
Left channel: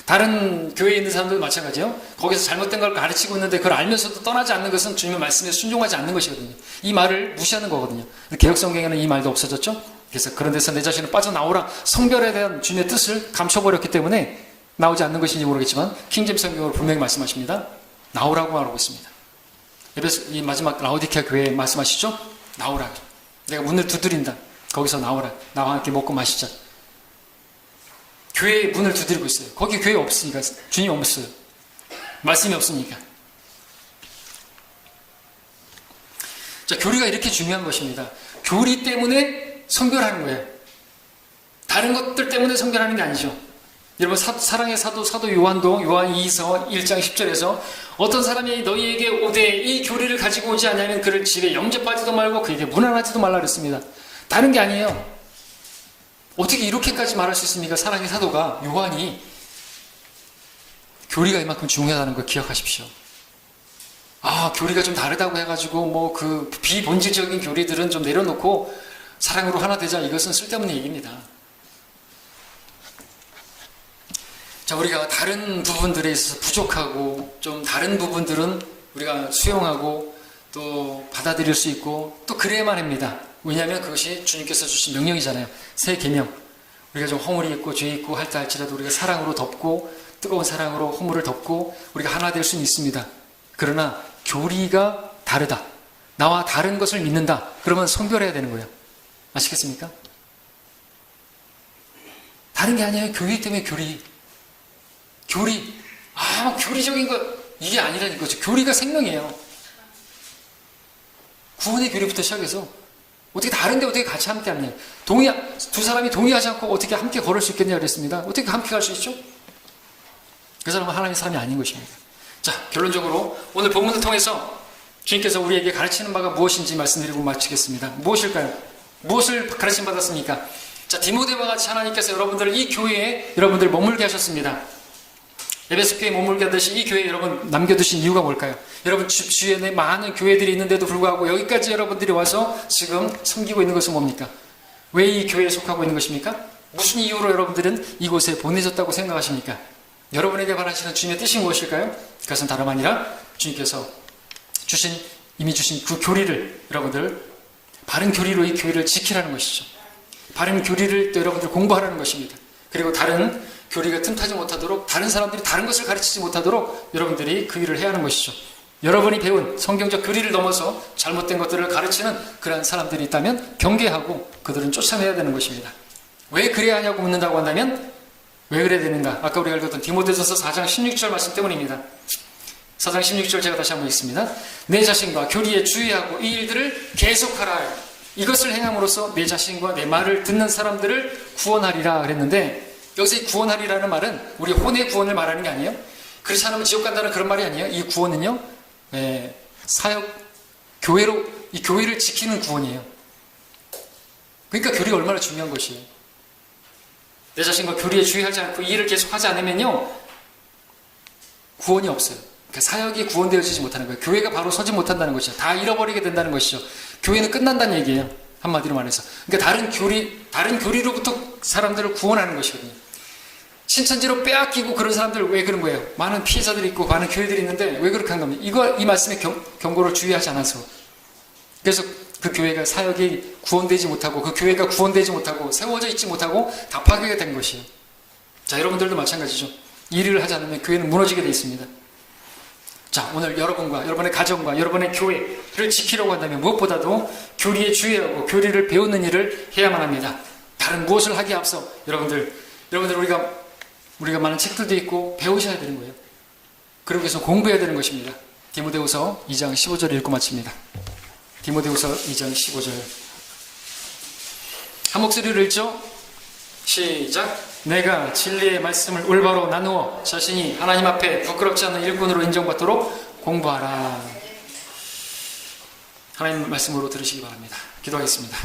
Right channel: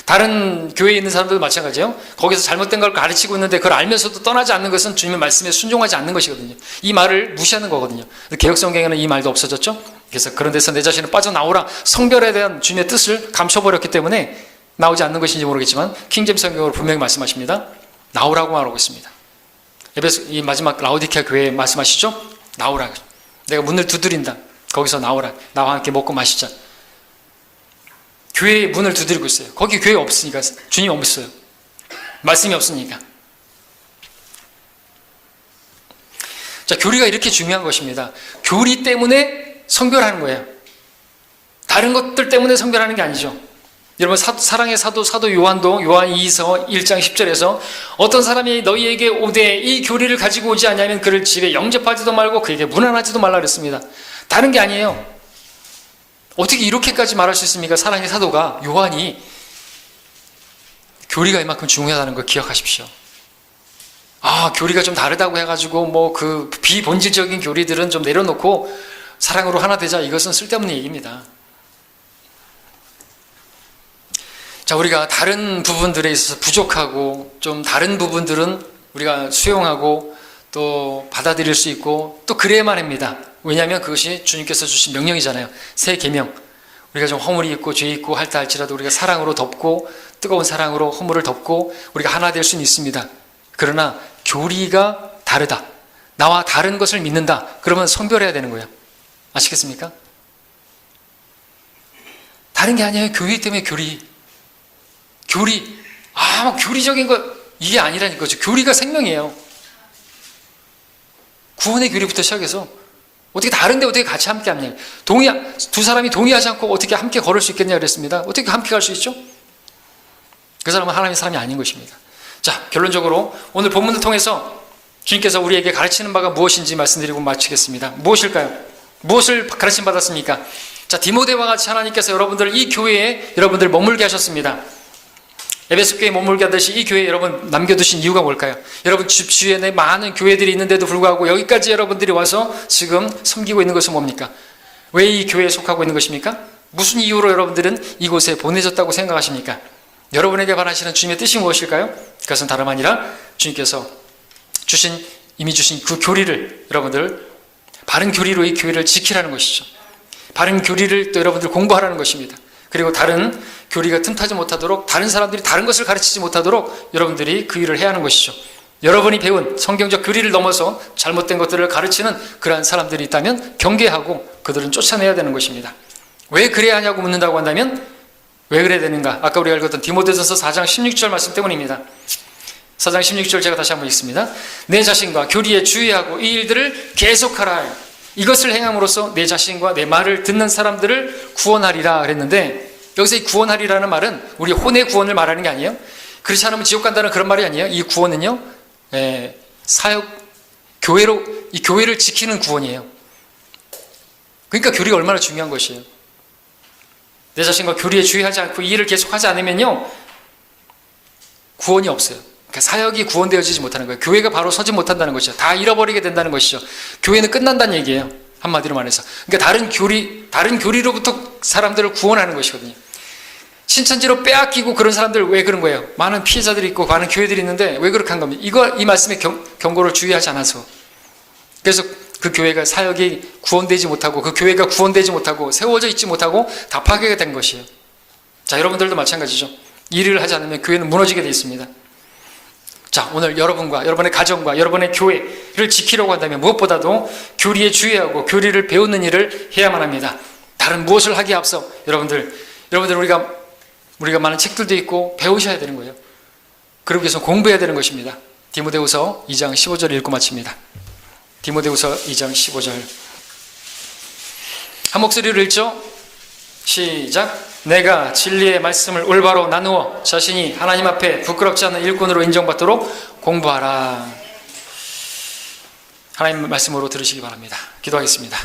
다른 교회에 있는 사람들도 마찬가지예요. 거기서 잘못된 걸 가르치고 있는데 그걸 알면서도 떠나지 않는 것은 주님의 말씀에 순종하지 않는 것이거든요. 이 말을 무시하는 거거든요. 개역성경에는 이 말도 없어졌죠. 그래서 그런 데서 내 자신을 빠져나오라, 성별에 대한 주님의 뜻을 감춰버렸기 때문에 나오지 않는 것인지 모르겠지만 킹제임스 성경으로 분명히 말씀하십니다. 나오라고 말하고 있습니다. 에베소 이 마지막 라오디케아 교회에 말씀하시죠. 나오라. 내가 문을 두드린다. 거기서 나오라. 나와 함께 먹고 마시자. 교회의 문을 두드리고 있어요. 거기 교회 없으니까, 주님 없어요. 말씀이 없으니까. 자, 교리가 이렇게 중요한 것입니다. 교리 때문에 성별하는 거예요. 다른 것들 때문에 성별하는 게 아니죠. 여러분, 사랑의 사도 요한도 요한 2서 1장 10절에서 어떤 사람이 너희에게 오되 이 교리를 가지고 오지 않으면 그를 집에 영접하지도 말고 그에게 문안하지도 말라 그랬습니다. 다른 게 아니에요. 어떻게 이렇게까지 말할 수 있습니까? 사랑의 사도가, 요한이 교리가 이만큼 중요하다는 걸 기억하십시오. 교리가 좀 다르다고 해가지고 그 비본질적인 교리들은 좀 내려놓고 사랑으로 하나 되자, 이것은 쓸데없는 얘기입니다. 자, 우리가 다른 부분들에 있어서 부족하고 좀 다른 부분들은 우리가 수용하고 또 받아들일 수 있고 또 그래야만 합니다. 왜냐하면 그것이 주님께서 주신 명령이잖아요. 새 계명. 우리가 좀 허물이 있고 죄 있고 할다 할지라도 우리가 사랑으로 덮고, 뜨거운 사랑으로 허물을 덮고 우리가 하나 될 수는 있습니다. 그러나 교리가 다르다, 나와 다른 것을 믿는다, 그러면 성별해야 되는 거예요. 아시겠습니까? 다른 게 아니에요. 교리 때문에 교리적인 거, 이게 아니라는 거죠. 교리가 생명이에요. 구원의 교리부터 시작해서 어떻게 다른데 어떻게 같이 함께 합니까? 두 사람이 동의하지 않고 어떻게 함께 걸을 수 있겠냐 그랬습니다. 어떻게 함께 갈 수 있죠? 그 사람은 하나님의 사람이 아닌 것입니다. 자, 결론적으로 오늘 본문을 통해서 주님께서 우리에게 가르치는 바가 무엇인지 말씀드리고 마치겠습니다. 무엇일까요? 무엇을 가르침 받았습니까? 자, 디모데와 같이 하나님께서 여러분들을 이 교회에 여러분들 머물게 하셨습니다. 에베소 교회에 머물게 하듯이 이 교회에 여러분 남겨두신 이유가 뭘까요? 여러분 집 주위에 많은 교회들이 있는데도 불구하고 여기까지 여러분들이 와서 지금 섬기고 있는 것은 뭡니까? 왜 이 교회에 속하고 있는 것입니까? 무슨 이유로 여러분들은 이곳에 보내졌다고 생각하십니까? 여러분에게 바라시는 주님의 뜻이 무엇일까요? 그것은 다름 아니라 주님께서 이미 주신 그 교리를 여러분들 바른 교리로 이 교회를 지키라는 것이죠. 바른 교리를 또 여러분들 공부하라는 것입니다. 그리고 다른 교리가 틈타지 못하도록, 다른 사람들이 다른 것을 가르치지 못하도록 여러분들이 그 일을 해야 하는 것이죠. 여러분이 배운 성경적 교리를 넘어서 잘못된 것들을 가르치는 그러한 사람들이 있다면 경계하고 그들은 쫓아내야 되는 것입니다. 왜 그래야 하냐고 묻는다고 한다면 왜 그래야 되는가? 아까 우리가 읽었던 디모데전서 4장 16절 말씀 때문입니다. 4장 16절 제가 다시 한번 읽습니다. 내 자신과 교리에 주의하고 이 일들을 계속하라. 이것을 행함으로써 내 자신과 내 말을 듣는 사람들을 구원하리라 그랬는데, 여기서 이 구원하리라는 말은 우리 혼의 구원을 말하는 게 아니에요. 그렇지 않으면 지옥 간다는 그런 말이 아니에요. 이 구원은요, 이 교회를 지키는 구원이에요. 그러니까 교리가 얼마나 중요한 것이에요. 내 자신과 교리에 주의하지 않고 이 일을 계속하지 않으면요, 구원이 없어요. 그러니까 사역이 구원되어지지 못하는 거예요. 교회가 바로 서지 못한다는 것이죠. 다 잃어버리게 된다는 것이죠. 교회는 끝난다는 얘기예요. 한마디로 말해서. 그러니까 다른 교리로부터 사람들을 구원하는 것이거든요. 신천지로 빼앗기고 그런 사람들 왜 그런 거예요? 많은 피해자들이 있고 많은 교회들이 있는데 왜 그렇게 한 겁니까? 이 말씀의 경고를 주의하지 않아서. 그래서 그 교회가 사역이 구원되지 못하고 그 교회가 구원되지 못하고 세워져 있지 못하고 다 파괴가 된 것이에요. 자, 여러분들도 마찬가지죠. 이 일을 하지 않으면 교회는 무너지게 되어 있습니다. 자, 오늘 여러분과 여러분의 가정과 여러분의 교회를 지키려고 한다면 무엇보다도 교리에 주의하고 교리를 배우는 일을 해야만 합니다. 다른 무엇을 하기에 앞서 여러분들 우리가 많은 책들도 있고 배우셔야 되는 거예요. 그러기 위해서 공부해야 되는 것입니다. 디모데후서 2장 15절 읽고 마칩니다. 디모데후서 2장 15절 한 목소리로 읽죠. 시작. 내가 진리의 말씀을 올바로 나누어 자신이 하나님 앞에 부끄럽지 않는 일꾼으로 인정받도록 공부하라. 하나님 말씀으로 들으시기 바랍니다. 기도하겠습니다.